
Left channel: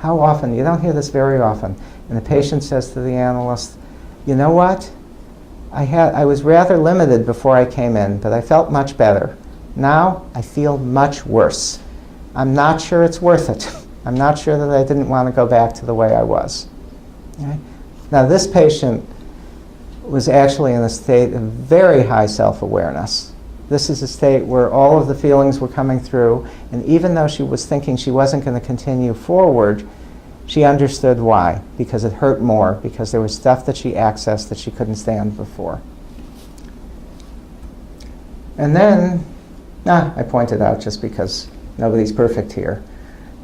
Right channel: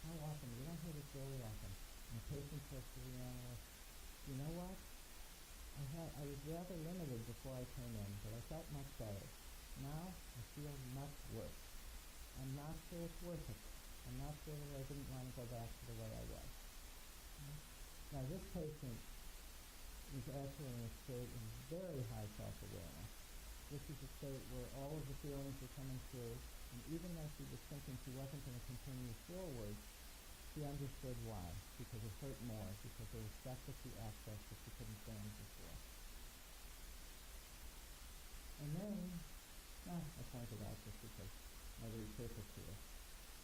How often? You don't hear this very often. And the patient says to the analyst, you know what? I was rather limited before I came in, but I felt much better. Now I feel much worse. I'm not sure it's worth it. I'm not sure that I didn't want to go back to the way I was. Okay? Now this patient was actually in a state of very high self-awareness. This is a state where all of the feelings were coming through, and even though she was thinking she wasn't going to continue forward, she understood why, because it hurt more, because there was stuff that she accessed that she couldn't stand before. And then, I pointed out just because nobody's perfect here.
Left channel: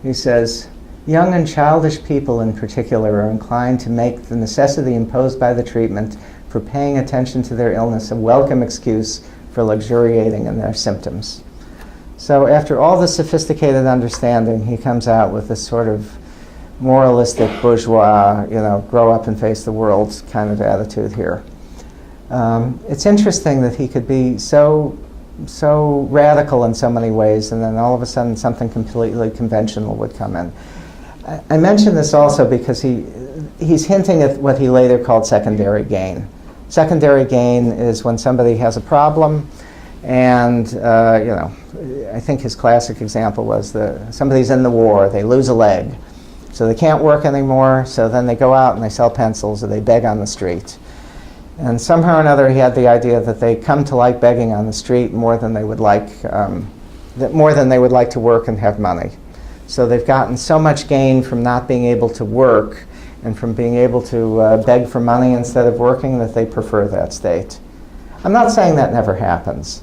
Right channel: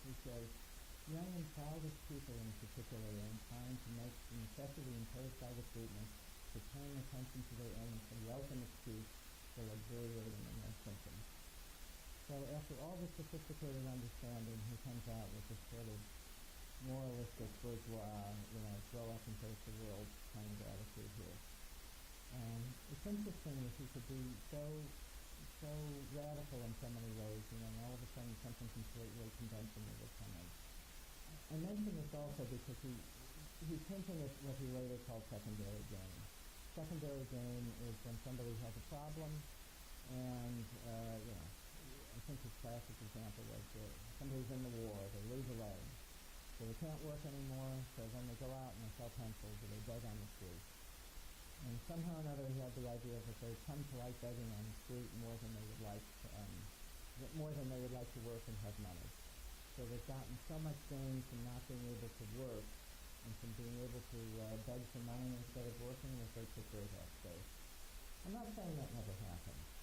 He says, young and childish people in particular are inclined to make the necessity imposed by the treatment for paying attention to their illness a welcome excuse for luxuriating in their symptoms. So after all the sophisticated understanding, he comes out with this sort of moralistic bourgeois, grow up and face the world kind of attitude here. It's interesting that he could be so radical in so many ways, and then all of a sudden something completely conventional would come in. I mention this also because he's hinting at what he later called secondary gain. Secondary gain is when somebody has a problem, and I think his classic example was somebody's in the war, they lose a leg, so they can't work anymore, so then they go out and they sell pencils or they beg on the street. And somehow or another he had the idea that they come to like begging on the street more than they would like to work and have money. So they've gotten so much gain from not being able to work and from being able to beg for money instead of working that they prefer that state. I'm not saying that never happens,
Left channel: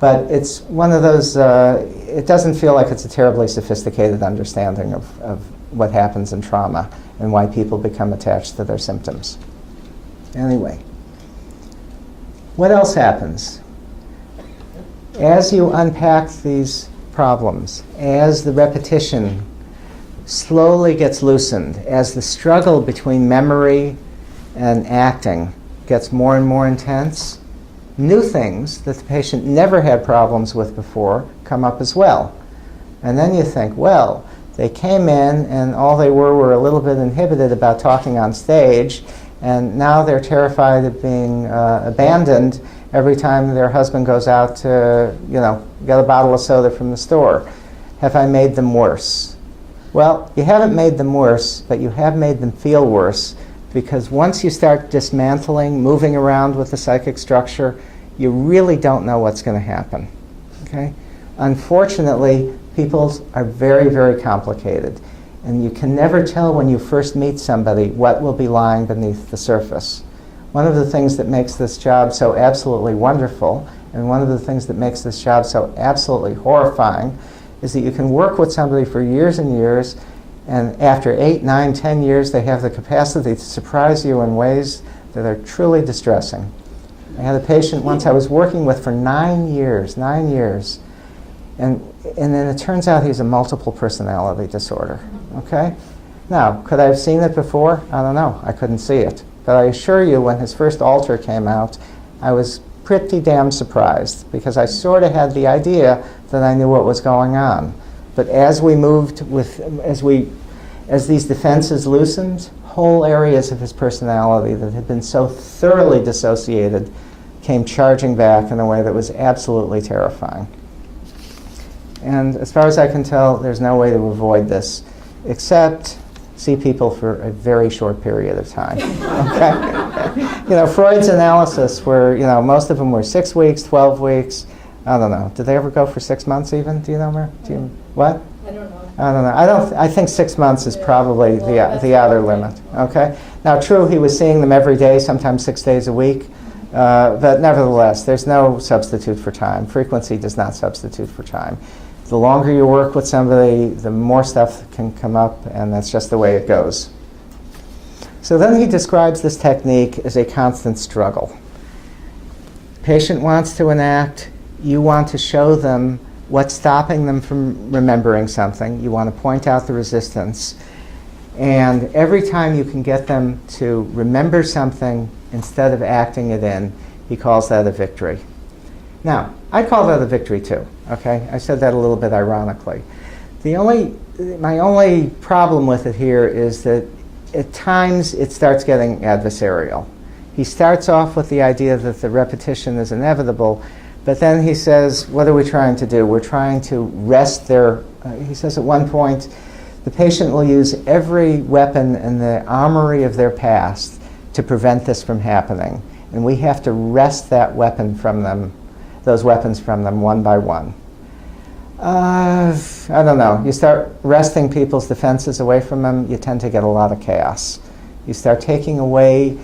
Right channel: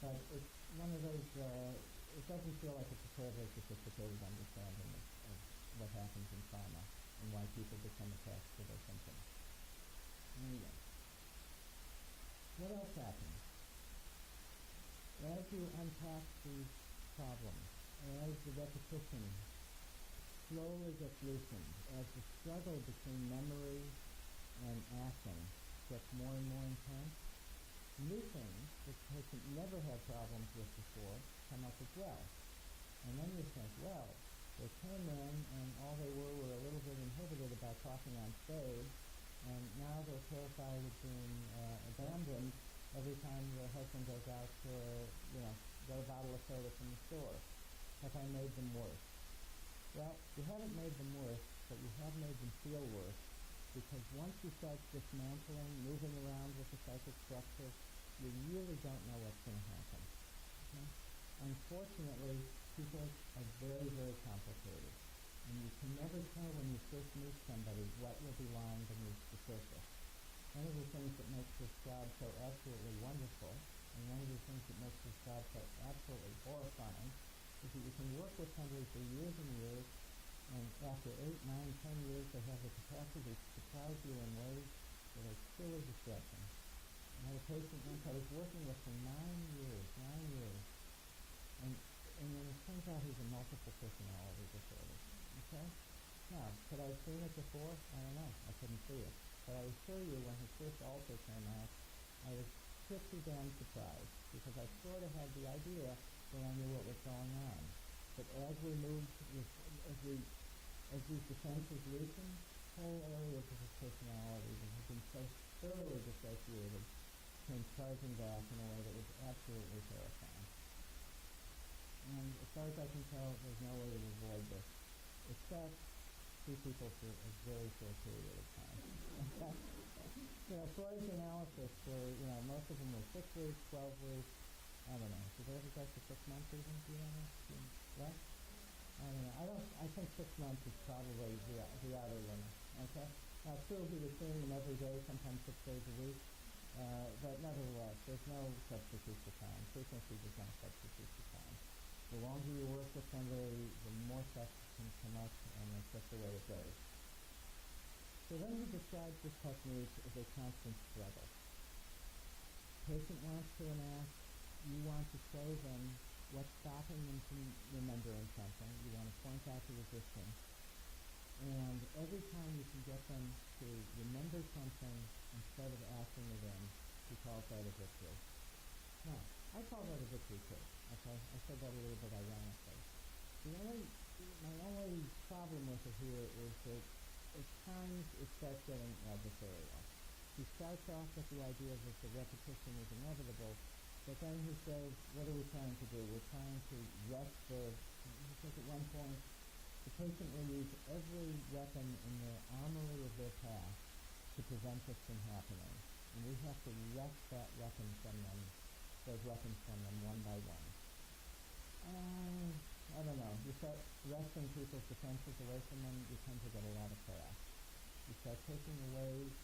but it's one of those, it doesn't feel like it's a terribly sophisticated understanding of what happens in trauma and why people become attached to their symptoms. Anyway, what else happens? As you unpack these problems, as the repetition slowly gets loosened, as the struggle between memory and acting gets more and more intense, new things that the patient never had problems with before come up as well. And then you think, well, they came in and all they were a little bit inhibited about talking on stage, and now they're terrified of being abandoned every time their husband goes out to, get a bottle of soda from the store. Have I made them worse? Well, you haven't made them worse, but you have made them feel worse, because once you start dismantling, moving around with the psychic structure, you really don't know what's going to happen. Okay? Unfortunately, people are very, very complicated, and you can never tell when you first meet somebody what will be lying beneath the surface. One of the things that makes this job so absolutely wonderful, and one of the things that makes this job so absolutely horrifying, is that you can work with somebody for years and years, and after 8, 9, 10 years, they have the capacity to surprise you in ways that are truly distressing. I had a patient once I was working with for 9 years, and And then it turns out he's a multiple personality disorder, okay? Now, could I have seen it before? I don't know. I couldn't see it. But I assure you, when his first alter came out, I was pretty damn surprised, because I sort of had the idea that I knew what was going on. But as we moved with, as these defenses loosened, whole areas of his personality that had been so thoroughly dissociated came charging back in a way that was absolutely terrifying. And as far as I can tell, there's no way to avoid this, except see people for a very short period of time. Okay? You know, Freud's analysis were, you know, most of them were 6 weeks, 12 weeks. I don't know. Did they ever go for 6 months even? Do you know, Mer? Do you, what? I don't know. I don't know. I think 6 months is probably the outer limit. Okay? Now, true, he was seeing them every day, sometimes 6 days a week. But nevertheless, there's no substitute for time. Frequency does not substitute for time. The longer you work with somebody, the more stuff can come up, and that's just the way it goes. So then he describes this technique as a constant struggle. Patient wants to enact. You want to show them what's stopping them from remembering something. You want to point out the resistance. And every time you can get them to remember something instead of acting it in, he calls that a victory. Now, I call that a victory too, okay? I said that a little bit ironically. My only problem with it here is that at times it starts getting adversarial. He starts off with the idea that the repetition is inevitable, but then he says, what are we trying to do? We're trying to wrest their, he says at one point, the patient will use every weapon in the armory of their past to prevent this from happening. And we have to wrest that weapon from them, those weapons from them one by one. I don't know. You start wresting people's defenses away from them, you tend to get a lot of chaos. You start taking away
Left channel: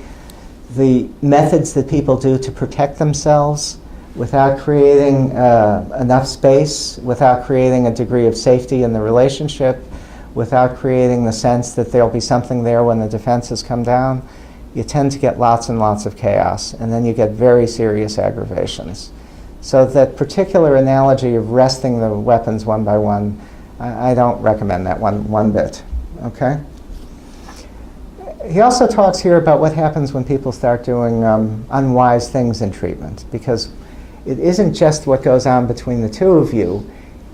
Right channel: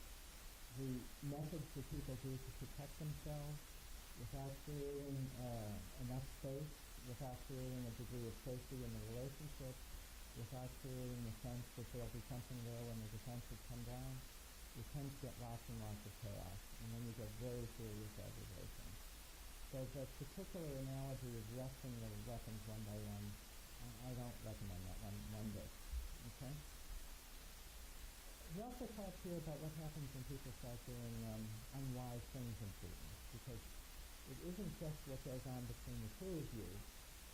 the methods that people do to protect themselves without creating enough space, without creating a degree of safety in the relationship, without creating the sense that there'll be something there when the defenses come down. You tend to get lots and lots of chaos, and then you get very serious aggravations. So that particular analogy of wresting the weapons one by one, I don't recommend that one bit, okay? He also talks here about what happens when people start doing unwise things in treatment, because it isn't just what goes on between the two of you.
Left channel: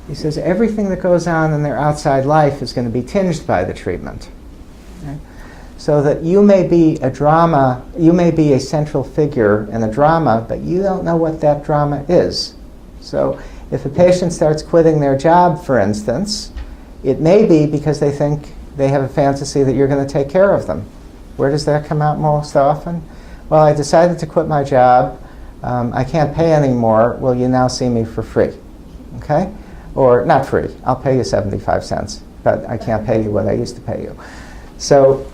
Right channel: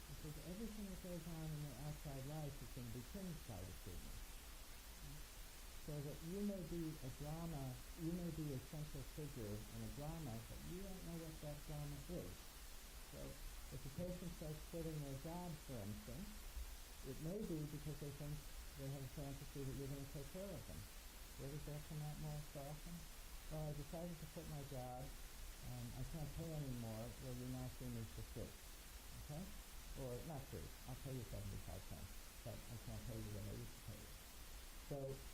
He says everything that goes on in their outside life is going to be tinged by the treatment. Okay? So that you may be a drama, you may be a central figure in a drama, but you don't know what that drama is. So if a patient starts quitting their job, for instance, it may be because they think they have a fantasy that you're going to take care of them. Where does that come out most often? Well, I decided to quit my job. I can't pay anymore. Will you now see me for free? Okay? Or not free. I'll pay you 75 cents, but I can't pay you what I used to pay you. So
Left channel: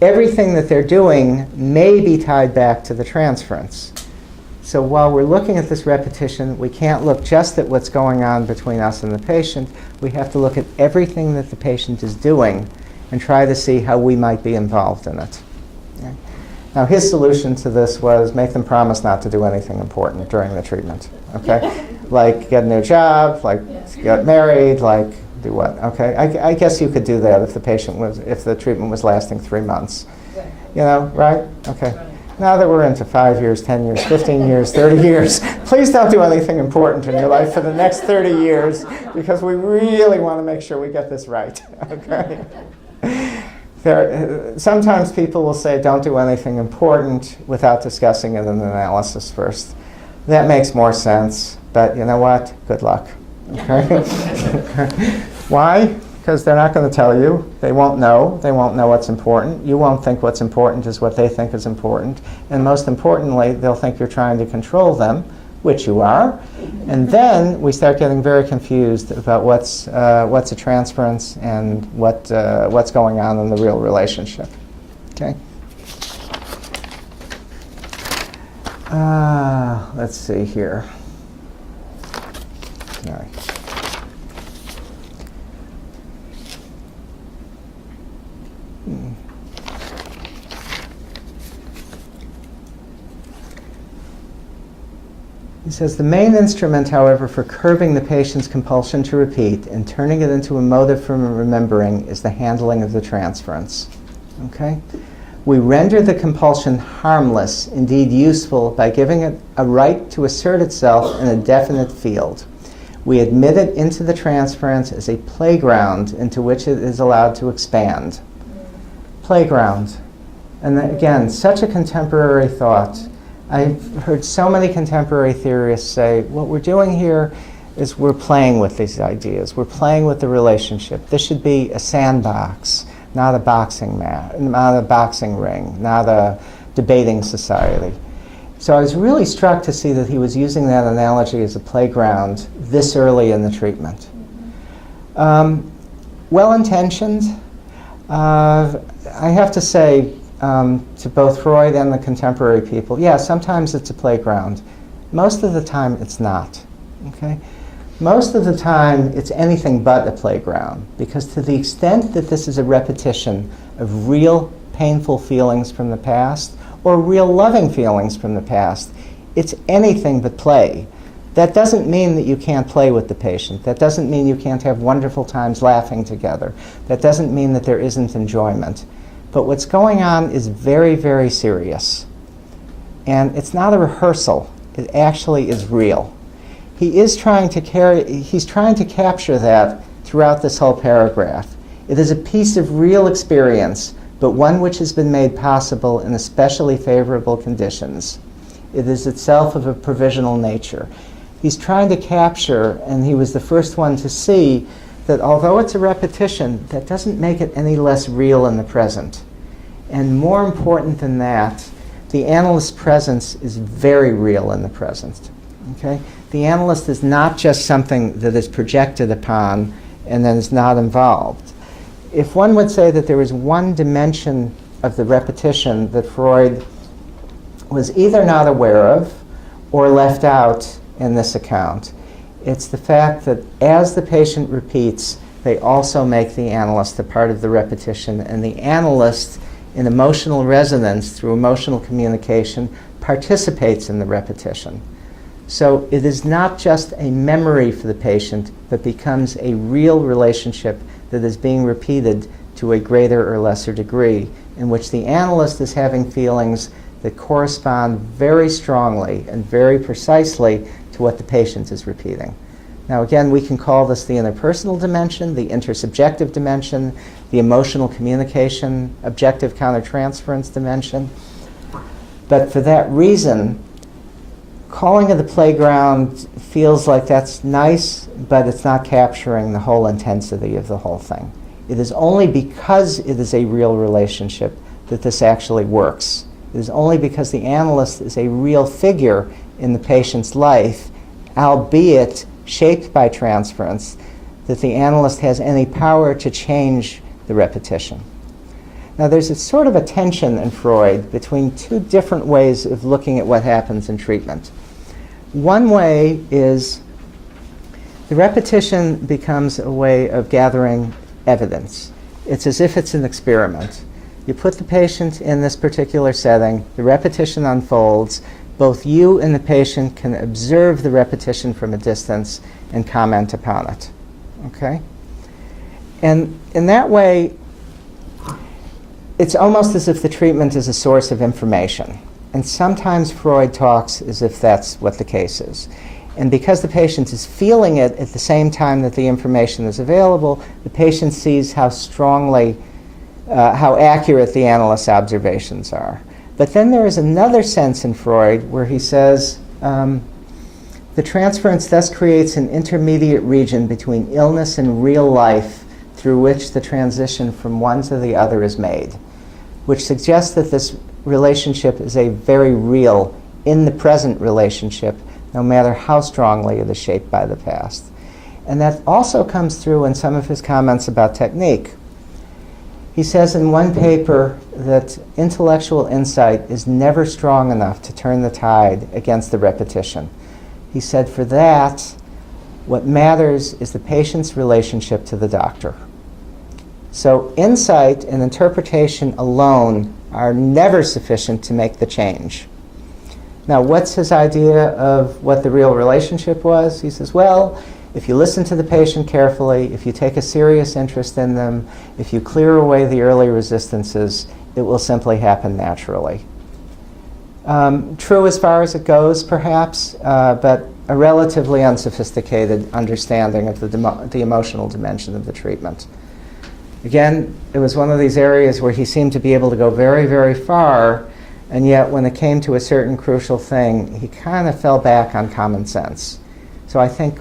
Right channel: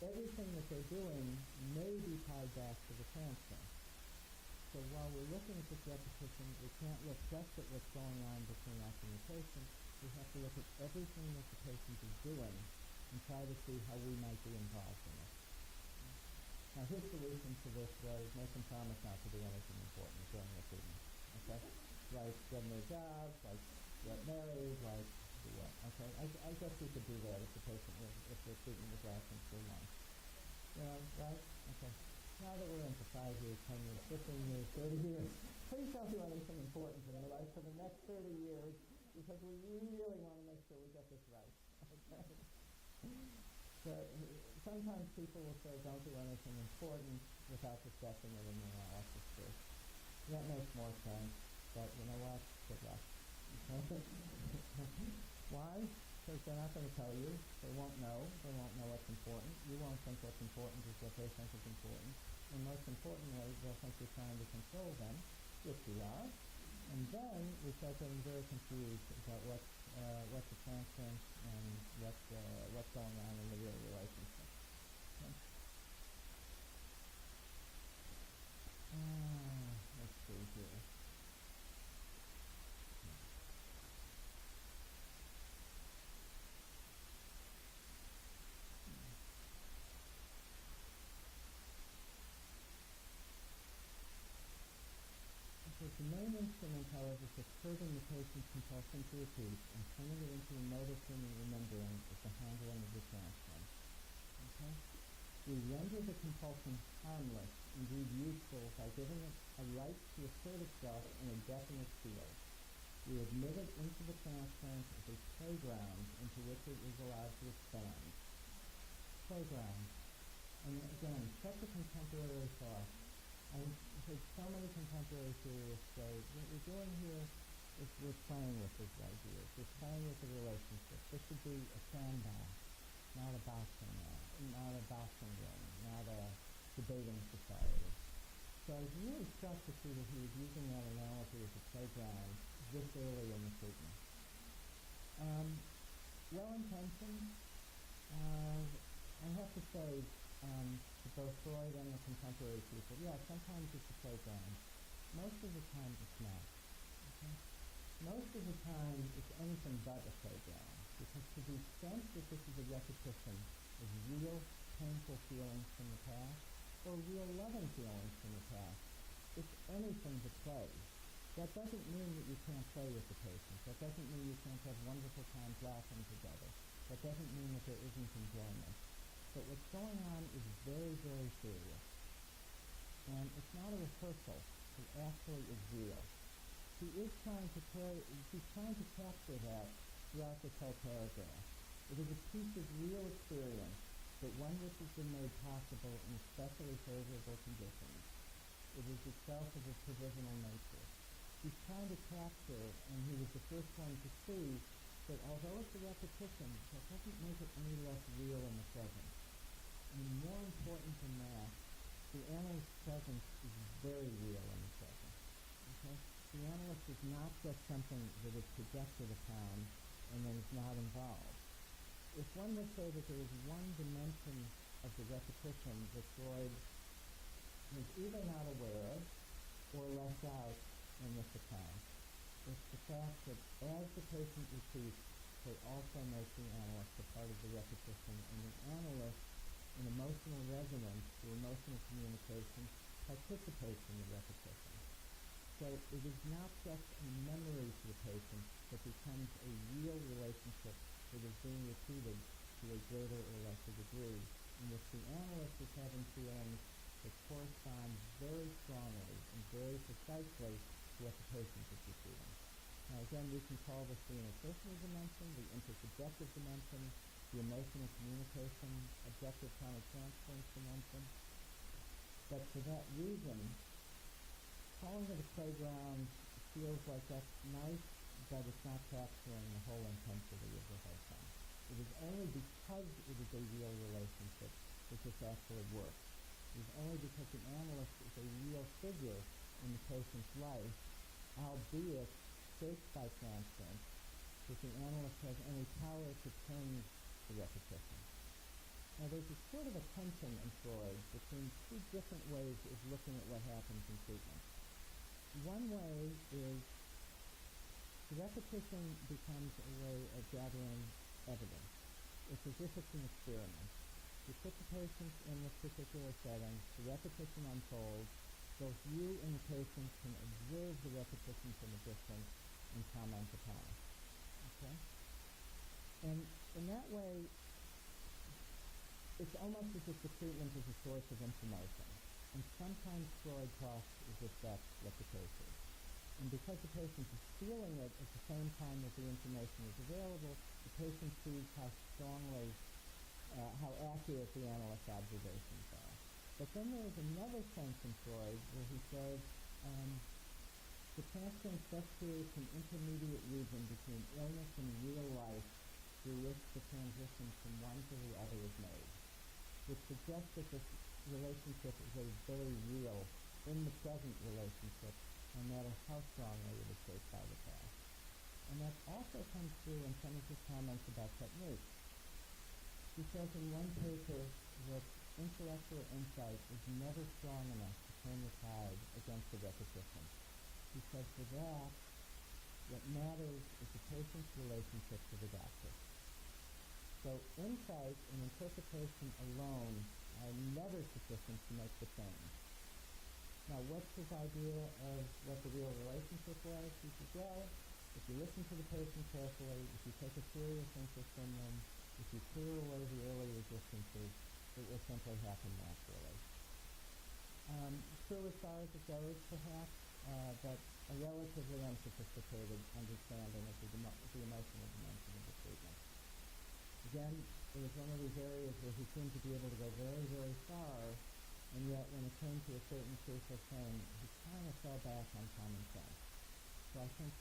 everything that they're doing may be tied back to the transference. So while we're looking at this repetition, we can't look just at what's going on between us and the patient. We have to look at everything that the patient is doing and try to see how we might be involved in it. Okay? Now, his solution to this was make them promise not to do anything important during the treatment. Okay? Like get a new job, like get married, like do what? Okay, I guess you could do that if the treatment was lasting 3 months. You know, right? Okay. Now that we're into 5 years, 10 years, 15 years, 30 years, please don't do anything important in your life for the next 30 years, because we really want to make sure we get this right. Okay. Sometimes people will say don't do anything important without discussing it in the analysis first. That makes more sense, but you know what? Good luck. Okay? Why? Because they're not going to tell you. They won't know. They won't know what's important. You won't think what's important is what they think is important. And most importantly, they'll think you're trying to control them, which you are. And then we start getting very confused about what's a transference and what's going on in the real relationship. Okay? Let's see here. All right. says, the main instrument, however, for curbing the patient's compulsion to repeat and turning it into a motive for remembering is the handling of the transference. Okay? We render the compulsion harmless, indeed useful, by giving it a right to assert itself in a definite field. We admit it into the transference as a playground into which it is allowed to expand. Playground. And again, such a contemporary thought. I've heard so many contemporary theorists say, what we're doing here is we're playing with these ideas. We're playing with the relationship. This should be a sandbox, not a boxing mat, not a boxing ring, not a debating society. So I was really struck to see that he was using that analogy as a playground this early in the treatment. Well-intentioned. I have to say, to both Freud and the contemporary people, yeah, sometimes it's a playground. Most of the time, it's not. Okay? Most of the time, it's anything but a playground, because to the extent that this is a repetition of real painful feelings from the past or real loving feelings from the past, it's anything but play. That doesn't mean that you can't play with the patient. That doesn't mean you can't have wonderful times laughing together. That doesn't mean that there isn't enjoyment. But what's going on is very, very serious. And it's not a rehearsal. It actually is real. He's trying to capture that throughout this whole paragraph. It is a piece of real experience, but one which has been made possible in especially favorable conditions. It is itself of a provisional nature. He's trying to capture, and he was the first one to see, that although it's a repetition, that doesn't make it any less real in the present. And more important than that, the analyst's presence is very real in the present. Okay? The analyst is not just something that is projected upon and then is not involved. If one would say that there was one dimension of the repetition that Freud was either not aware of or left out in this account, it's the fact that as the patient repeats, they also make the analyst a part of the repetition, and the analyst, in emotional resonance through emotional communication, participates in the repetition. So it is not just a memory for the patient, but becomes a real relationship that is being repeated to a greater or lesser degree, in which the analyst is having feelings that correspond very strongly and very precisely to what the patient is repeating. Now again, we can call this the interpersonal dimension, the intersubjective dimension, the emotional communication, objective countertransference dimension. But for that reason, calling it a playground feels like that's nice, but it's not capturing the whole intensity of the whole thing. It is only because it is a real relationship that this actually works. It is only because the analyst is a real figure in the patient's life, albeit shaped by transference, that the analyst has any power to change the repetition. Now there's a sort of a tension in Freud between two different ways of looking at what happens in treatment. One way is the repetition becomes a way of gathering evidence. It's as if it's an experiment. You put the patient in this particular setting, the repetition unfolds, both you and the patient can observe the repetition from a distance and comment upon it. Okay? And in that way, it's almost as if the treatment is a source of information. And sometimes Freud talks as if that's what the case is. And because the patient is feeling it at the same time that the information is available, the patient sees how strongly, how accurate the analyst's observations are. But then there is another sense in Freud where he says, the transference thus creates an intermediate region between illness and real life through which the transition from one to the other is made, which suggests that this relationship is a very real, in the present relationship, no matter how strongly it is shaped by the past. And that also comes through in some of his comments about technique. He says in one paper that intellectual insight is never strong enough to turn the tide against the repetition. He said for that, what matters is the patient's relationship to the doctor. So insight and interpretation alone are never sufficient to make the change. Now, what's his idea of what the real relationship was? He says, well, if you listen to the patient carefully, if you take a serious interest in them, if you clear away the early resistances, it will simply happen naturally. True as far as it goes, perhaps, but a relatively unsophisticated understanding of the emotional dimension of the treatment. Again, it was one of these areas where he seemed to be able to go very, very far, and yet when it came to a certain crucial thing, he kind of fell back on common sense. So I think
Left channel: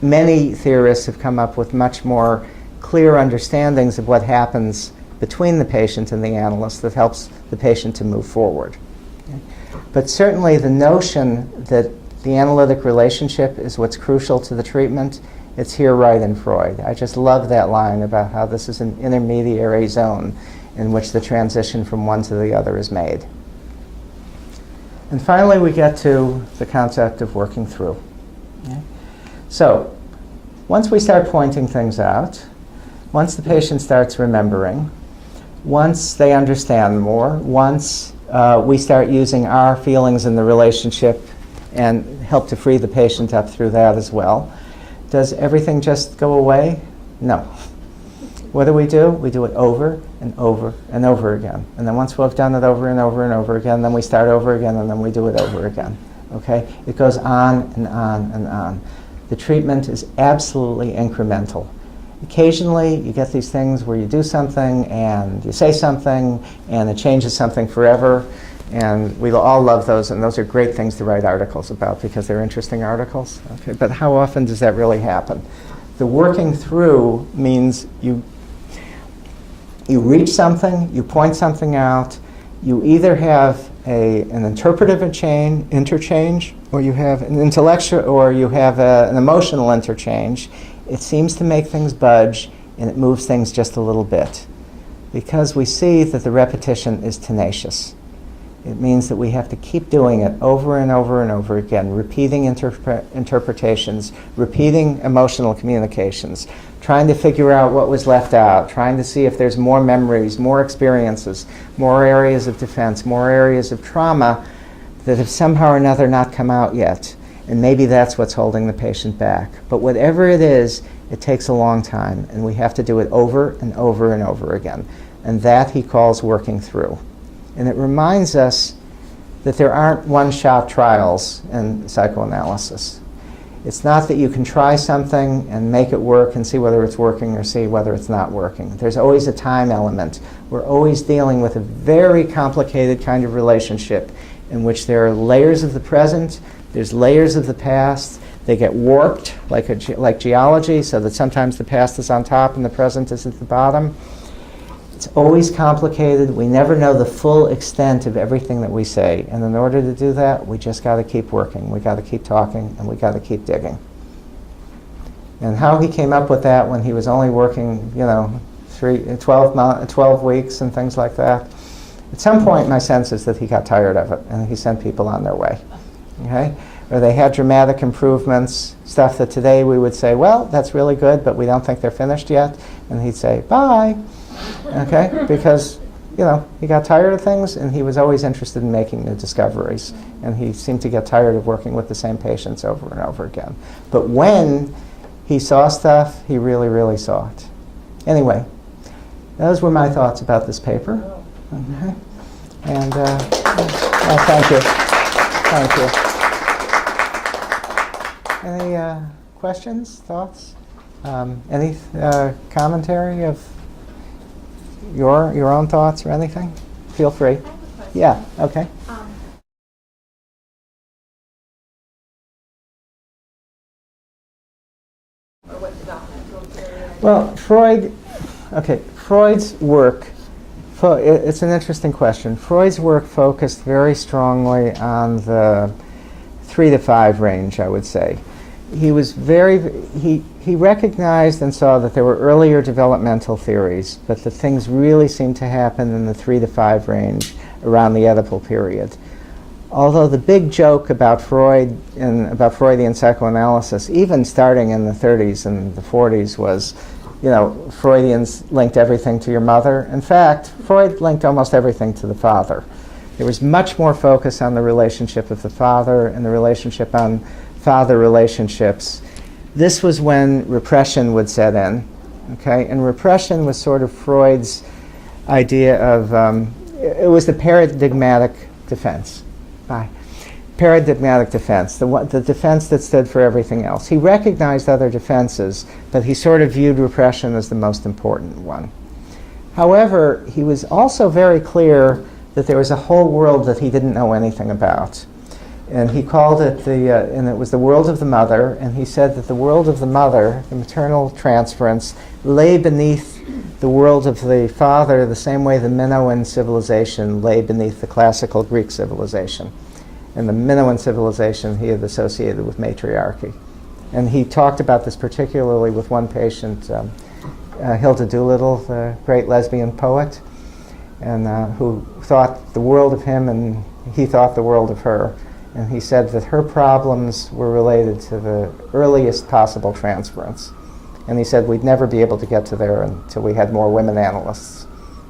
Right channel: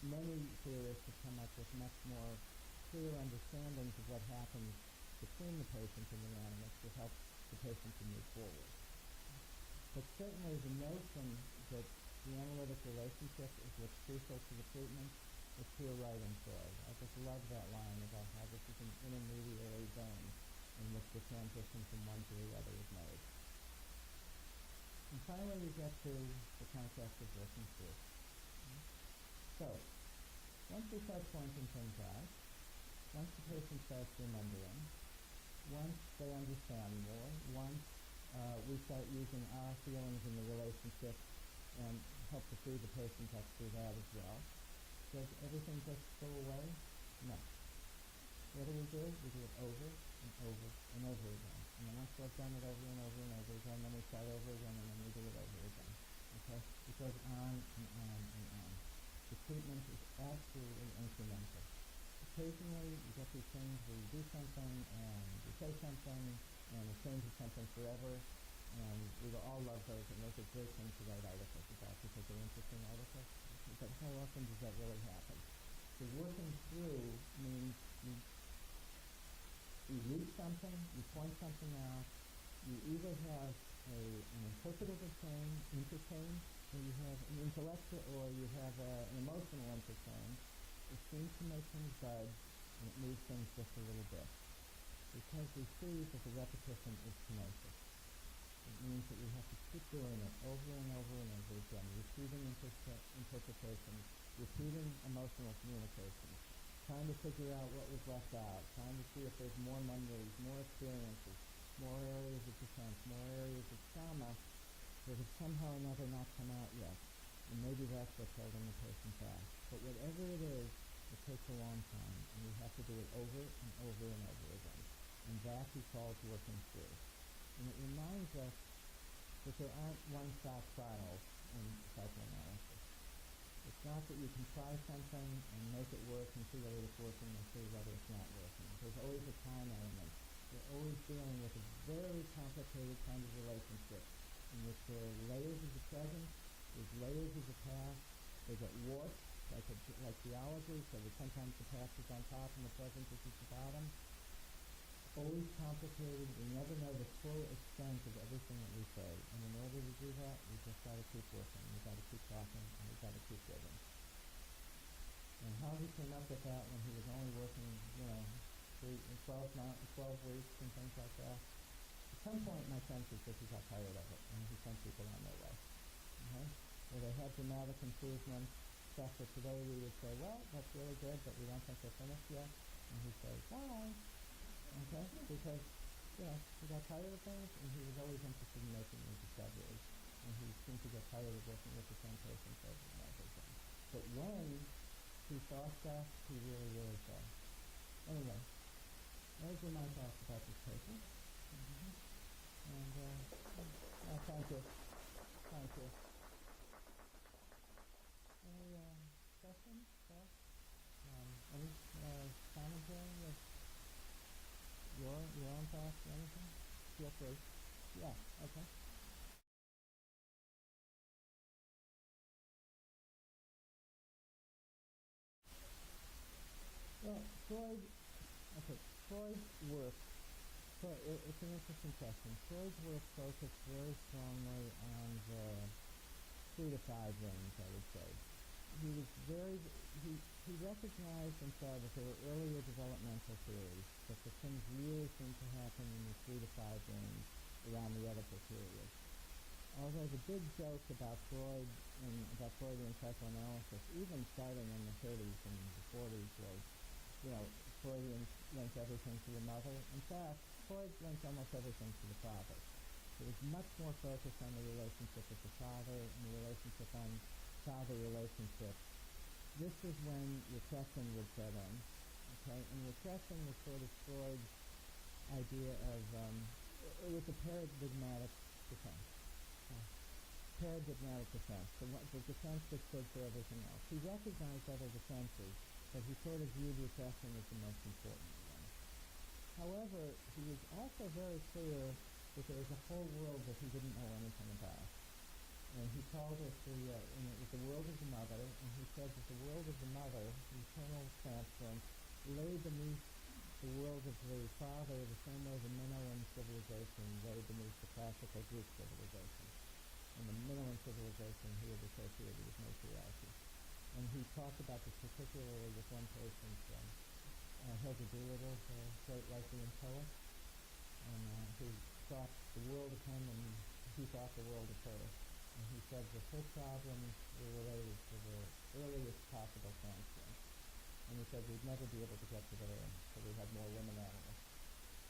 many theorists have come up with much more clear understandings of what happens between the patient and the analyst that helps the patient to move forward. Okay? But certainly the notion that the analytic relationship is what's crucial to the treatment, it's here right in Freud. I just love that line about how this is an intermediary zone in which the transition from one to the other is made. And finally, we get to the concept of working through. Okay? So, once we start pointing things out, once the patient starts remembering, once they understand more, once we start using our feelings in the relationship and help to free the patient up through that as well, does everything just go away? No. What do? We do it over and over and over again. And then once we've done it over and over and over again, then we start over again, and then we do it over again. Okay? It goes on and on and on. The treatment is absolutely incremental. Occasionally, you get these things where you do something and you say something and it changes something forever. And we all love those, and those are great things to write articles about because they're interesting articles. Okay? But how often does that really happen? The working through means you reach something, you point something out, you either have an interpretive interchange, or you have an intellectual, or you have an emotional interchange. It seems to make things budge, and it moves things just a little bit. Because we see that the repetition is tenacious. It means that we have to keep doing it over and over and over again, repeating interpretations, repeating emotional communications, trying to figure out what was left out, trying to see if there's more memories, more experiences, more areas of defense, more areas of trauma that have somehow or another not come out yet. And maybe that's what's holding the patient back. But whatever it is, it takes a long time, and we have to do it over and over and over again. And that he calls working through. And it reminds us that there aren't one-shot trials in psychoanalysis. It's not that you can try something and make it work and see whether it's working or see whether it's not working. There's always a time element. We're always dealing with a very complicated kind of relationship in which there are layers of the present, there's layers of the past. They get warped like geology, so that sometimes the past is on top and the present is at the bottom. It's always complicated. We never know the full extent of everything that we say. And in order to do that, we just got to keep working. We got to keep talking, and we got to keep digging. And how he came up with that when he was only working, 12 weeks and things like that. At some point, my sense is that he got tired of it, and he sent people on their way. Okay? Or they had dramatic improvements, stuff that today we would say, well, that's really good, but we don't think they're finished yet. And he'd say, bye. Okay? Because, he got tired of things, and he was always interested in making new discoveries. And he seemed to get tired of working with the same patients over and over again. But when he saw stuff, he really, really saw it. Anyway, those were my thoughts about this paper. Okay? And thank you. Thank you. Any questions, thoughts? Any commentary of your own thoughts or anything? Feel free. Yeah, okay. Or what developmental period? Well, Freud's work, it's an interesting question. Freud's work focused very strongly on the 3 to 5 range, I would say. He recognized and saw that there were earlier developmental theories, but that things really seemed to happen in the 3 to 5 range around the Oedipal period. Although the big joke about Freud and about Freudian psychoanalysis, even starting in the 30s and the 40s, was, Freudians linked everything to your mother. In fact, Freud linked almost everything to the father. There was much more focus on the relationship of the father and the relationship on father relationships. This was when repression would set in, okay? And repression was sort of Freud's idea of, it was the paradigmatic defense. Paradigmatic defense, the defense that stood for everything else. He recognized other defenses, but he sort of viewed repression as the most important one. However, he was also very clear that there was a whole world that he didn't know anything about. And he called it and it was the world of the mother, and he said that the world of the mother, the maternal transference, lay beneath the world of the father the same way the Minoan civilization lay beneath the classical Greek civilization. And the Minoan civilization he had associated with matriarchy. And he talked about this particularly with one patient, Hilda Doolittle, the great lesbian poet, and who thought the world of him and he thought the world of her. And he said that her problems were related to the earliest possible transference. And he said we'd never be able to get to there until we had more women analysts,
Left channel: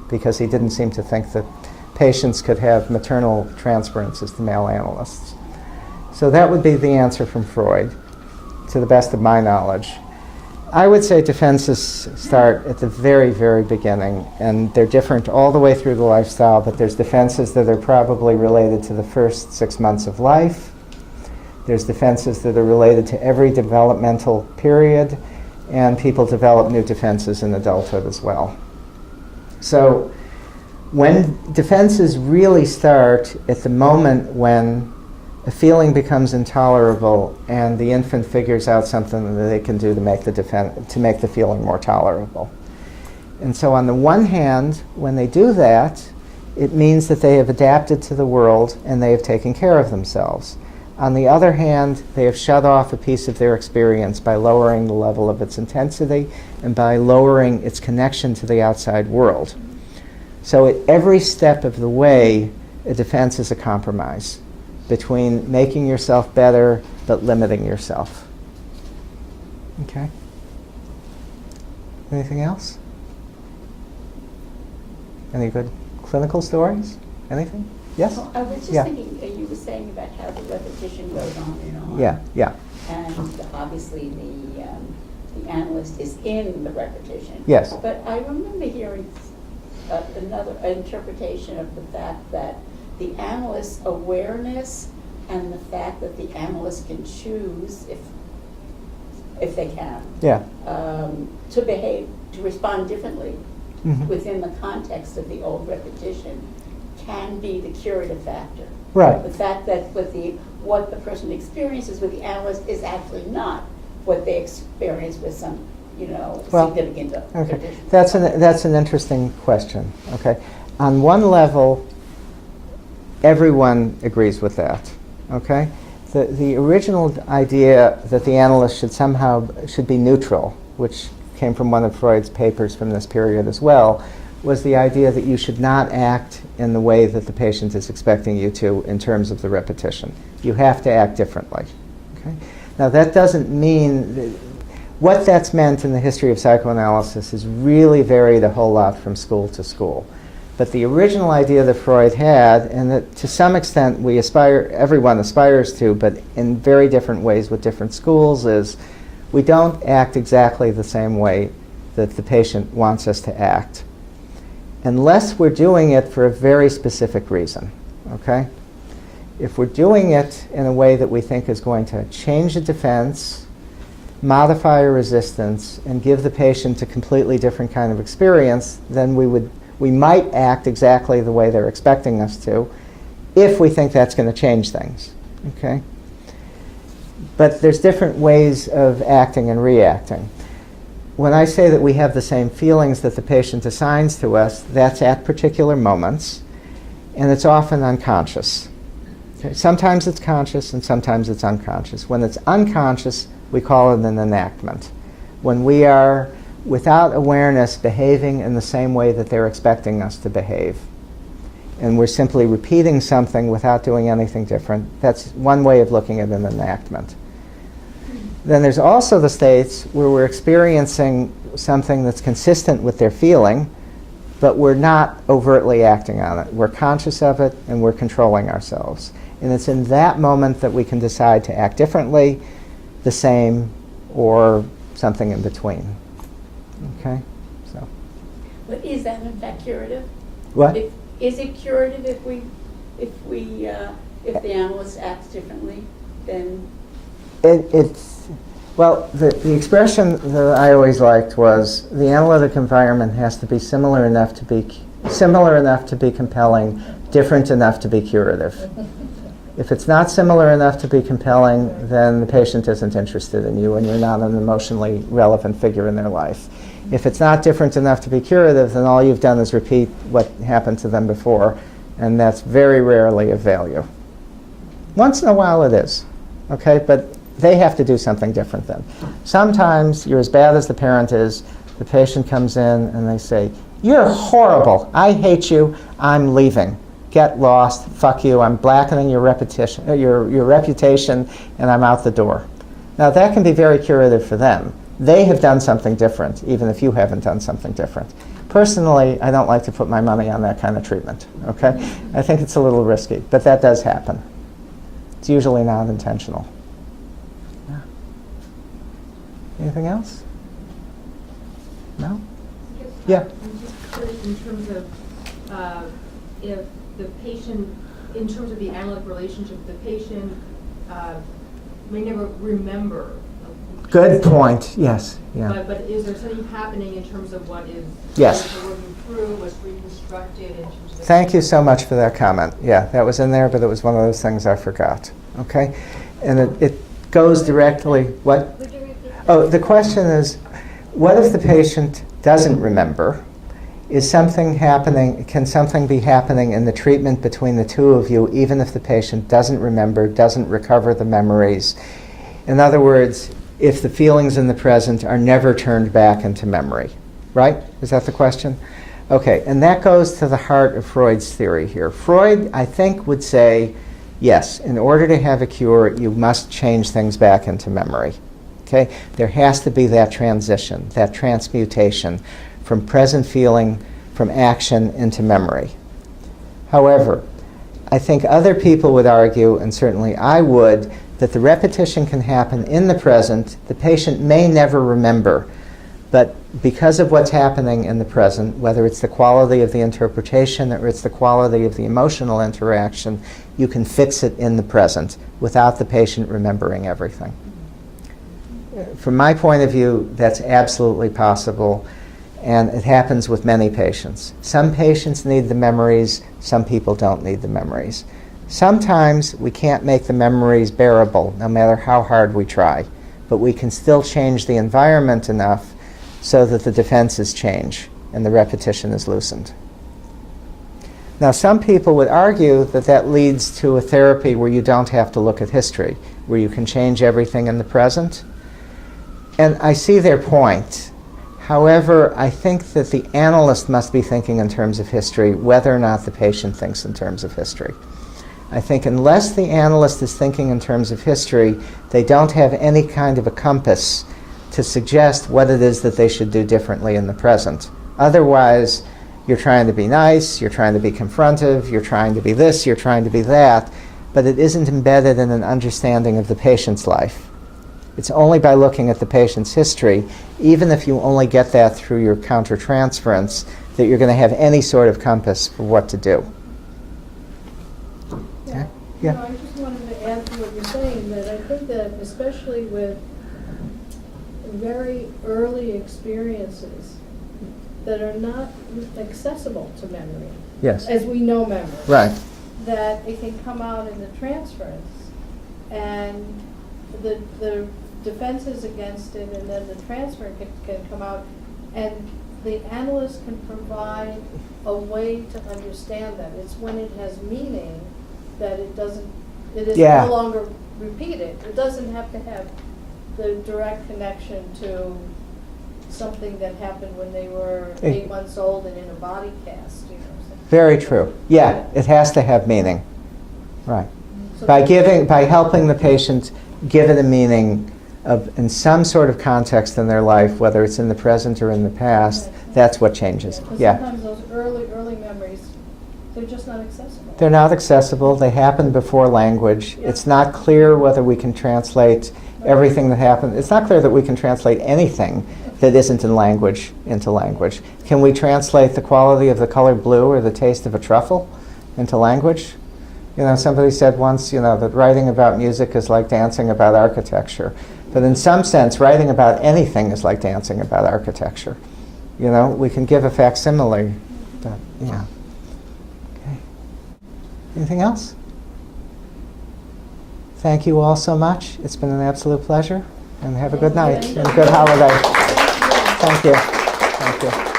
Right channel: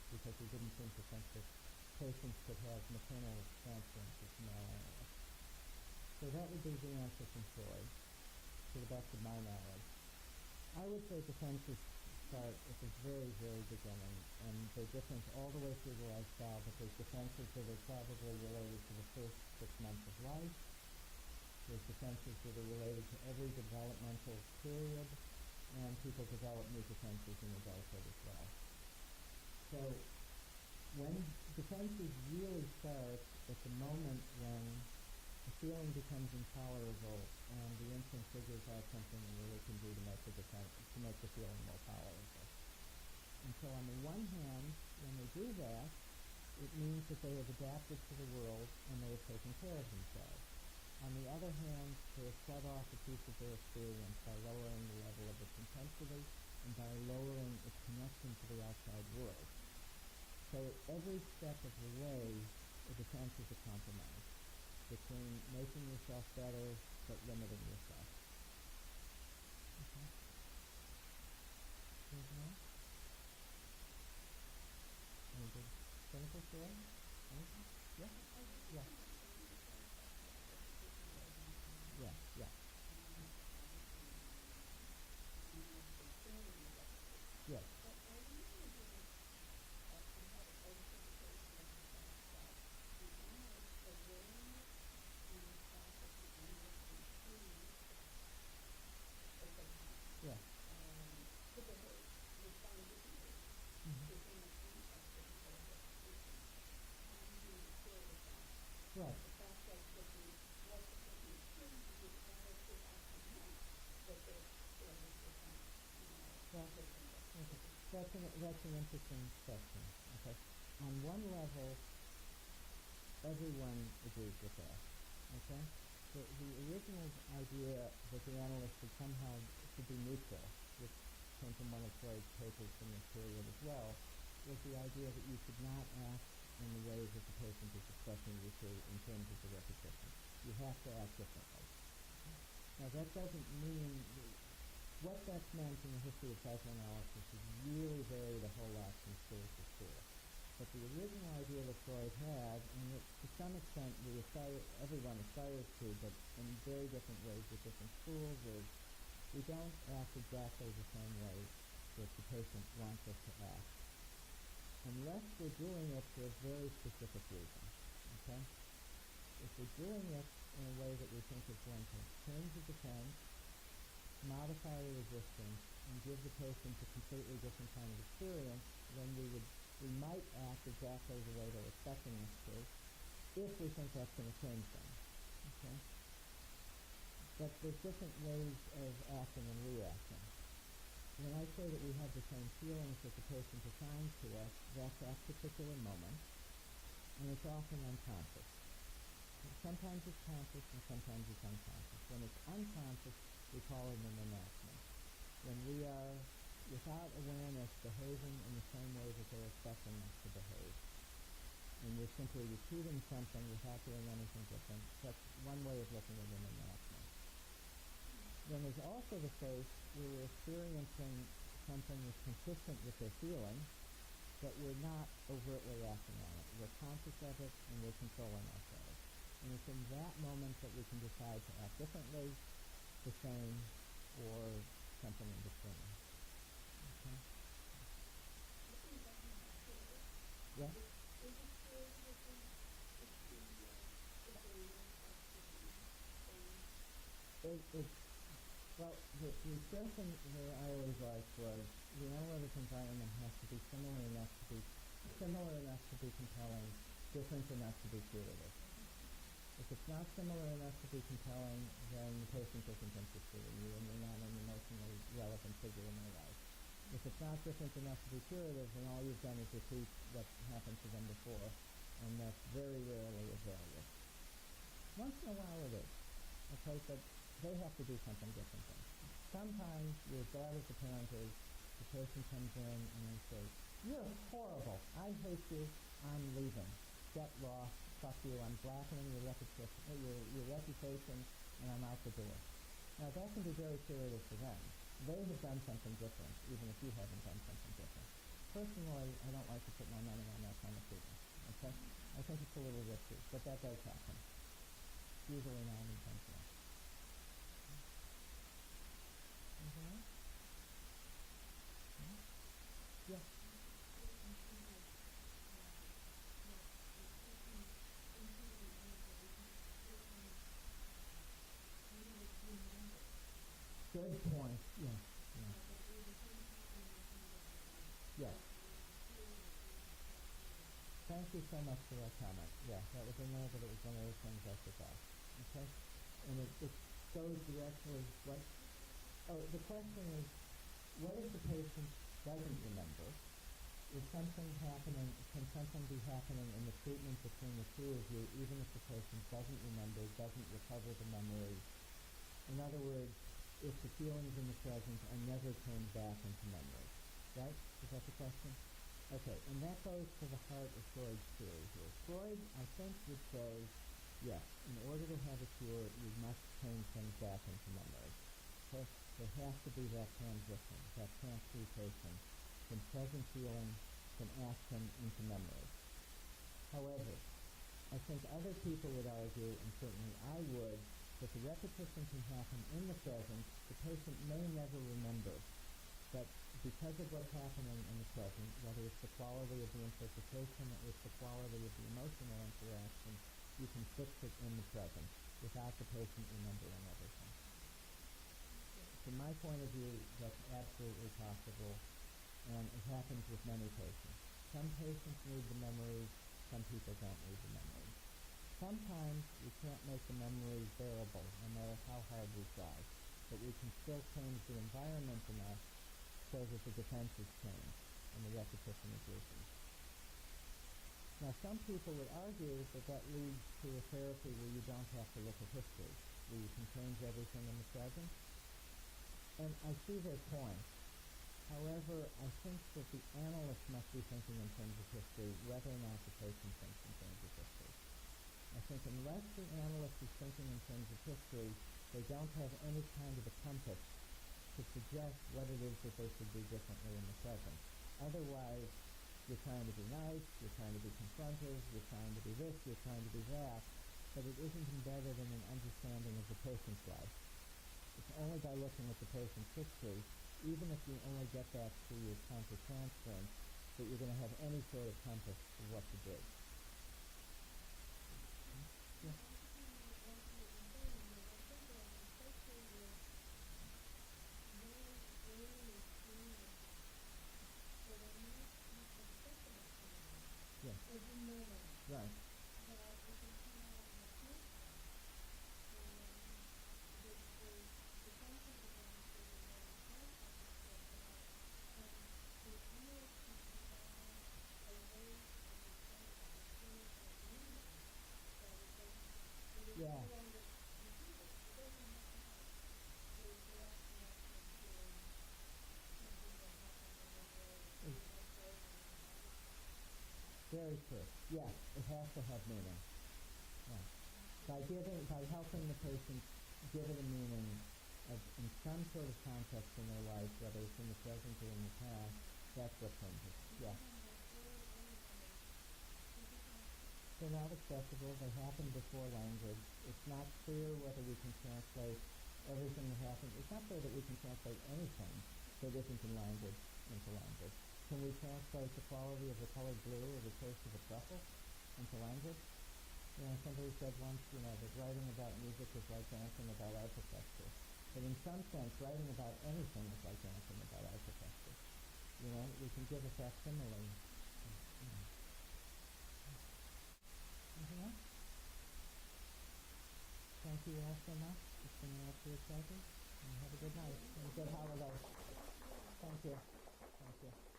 because he didn't seem to think that patients could have maternal transference as the male analysts. So that would be the answer from Freud, to the best of my knowledge. I would say defenses start at the very, very beginning, and they're different all the way through the lifestyle, but there's defenses that are probably related to the first 6 months of life. There's defenses that are related to every developmental period, and people develop new defenses in adulthood as well. So when defenses really start at the moment when a feeling becomes intolerable and the infant figures out something that they can do to make the feeling more tolerable. And so on the one hand, when they do that, it means that they have adapted to the world and they have taken care of themselves. On the other hand, they have shut off a piece of their experience by lowering the level of its intensity and by lowering its connection to the outside world. So at every step of the way, a defense is a compromise between making yourself better but limiting yourself. Okay? Anything else? Any good clinical stories? Anything? Yes? Well, I was just thinking, you were saying about how the repetition goes on and on. Yeah. And obviously the analyst is in the repetition. Yes. But I remember hearing another interpretation of the fact that the analyst's awareness and the fact that the analyst can choose, if they can, to behave, to respond differently within the context of the old repetition, can be the curative factor. Right. The fact that what the person experiences with the analyst is actually not what they experience with some, significant Okay. That's an interesting question. Okay. On one level, everyone agrees with that. Okay. The original idea that the analyst should be neutral, which came from one of Freud's papers from this period as well, was the idea that you should not act in the way that the patient is expecting you to in terms of the repetition. You have to act differently. Okay? Now that doesn't mean, what that's meant in the history of psychoanalysis has really varied a whole lot from school to school. But the original idea that Freud had, and that to some extent everyone aspires to, but in very different ways with different schools, is we don't act exactly the same way that the patient wants us to act, unless we're doing it for a very specific reason, okay? If we're doing it in a way that we think is going to change the defense, modify a resistance, and give the patient a completely different kind of experience, then we might act exactly the way they're expecting us to, if we think that's going to change things, okay? But there's different ways of acting and reacting. When I say that we have the same feelings that the patient assigns to us, that's at particular moments, and it's often unconscious. Okay? Sometimes it's conscious and sometimes it's unconscious. When it's unconscious, we call it an enactment. When we are, without awareness, behaving in the same way that they're expecting us to behave, and we're simply repeating something without doing anything different, that's one way of looking at an enactment. Then there's also the states where we're experiencing something that's consistent with their feeling, but we're not overtly acting on it. We're conscious of it, and we're controlling ourselves. And it's in that moment that we can decide to act differently, the same, or something in between. Okay? So. But is that in fact curative? What? Is it curative if the analyst acts differently than? Well, the expression that I always liked was the analytic environment has to be similar enough to be compelling, different enough to be curative. If it's not similar enough to be compelling, then the patient isn't interested in you and you're not an emotionally relevant figure in their life. If it's not different enough to be curative, then all you've done is repeat what happened to them before, and that's very rarely of value. Once in a while it is, okay? But they have to do something different then. Sometimes you're as bad as the parent is, the patient comes in and they say, "You're horrible, I hate you, I'm leaving. Get lost, fuck you, I'm blackening your reputation, and I'm out the door." Now that can be very curative for them. They have done something different, even if you haven't done something different. Personally, I don't like to put my money on that kind of treatment, okay? I think it's a little risky, but that does happen. It's usually not intentional. Yeah. Anything else? No? Yeah. I'm just curious in terms of if the patient, in terms of the analytic relationship, the patient may never remember. Good point. Yes. Yeah. But is there something happening in terms of what is Yes. working through, what's reconstructed in terms of? Thank you so much for that comment. Yeah, that was in there, but it was one of those things I forgot. Okay? And it goes directly, what? Would you repeat that? Oh, the question is, what if the patient doesn't remember? Is something happening, can something be happening in the treatment between the two of you, even if the patient doesn't remember, doesn't recover the memories? In other words, if the feelings in the present are never turned back into memory, right? Is that the question? Okay, and that goes to the heart of Freud's theory here. Freud, I think, would say, yes, in order to have a cure, you must change things back into memory. Okay? There has to be that transition, that transmutation from present feeling, from action into memory. However, I think other people would argue, and certainly I would, that the repetition can happen in the present. The patient may never remember, but because of what's happening in the present, whether it's the quality of the interpretation or it's the quality of the emotional interaction, you can fix it in the present without the patient remembering everything. From my point of view, that's absolutely possible, and it happens with many patients. Some patients need the memories, some people don't need the memories. Sometimes we can't make the memories bearable, no matter how hard we try, but we can still change the environment enough so that the defenses change and the repetition is loosened. Now, some people would argue that that leads to a therapy where you don't have to look at history, where you can change everything in the present. And I see their point. However, I think that the analyst must be thinking in terms of history, whether or not the patient thinks in terms of history. I think unless the analyst is thinking in terms of history, they don't have any kind of a compass to suggest what it is that they should do differently in the present. Otherwise, you're trying to be nice, you're trying to be confrontive, you're trying to be this, you're trying to be that, but it isn't embedded in an understanding of the patient's life. It's only by looking at the patient's history, even if you only get that through your countertransference, that you're going to have any sort of compass for what to do. Yeah. Yeah. No, I just wanted to add to what you're saying, that I think that especially with very early experiences that are not accessible to memory, Yes. as we know memory, Right. that it can come out in the transference, and the defenses against it, and then the transfer can come out, and the analyst can provide a way to understand that. It's when it has meaning that it is Yeah. no longer repeated. It doesn't have to have the direct connection to something that happened when they were 8 months old and in a body cast, you know. Very true. Yeah, it has to have meaning. Right. So By helping the patient give it a meaning in some sort of context in their life, whether it's in the present or in the past, That's what changes. Because Yeah. sometimes those early memories, they're just not accessible. They're not accessible. They happen before language. Yeah. It's not clear whether we can translate everything that happened. It's not clear that we can translate anything that isn't in language into language. Can we translate the quality of the color blue or the taste of a truffle into language? You know, somebody said once, you know, that writing about music is like dancing about architecture. But in some sense, writing about anything is like dancing about architecture. You know, we can give a facsimile. But, yeah. Okay. Anything else? Thank you all so much. It's been an absolute pleasure. And have a good night and a good holiday. Thank you. Thank you.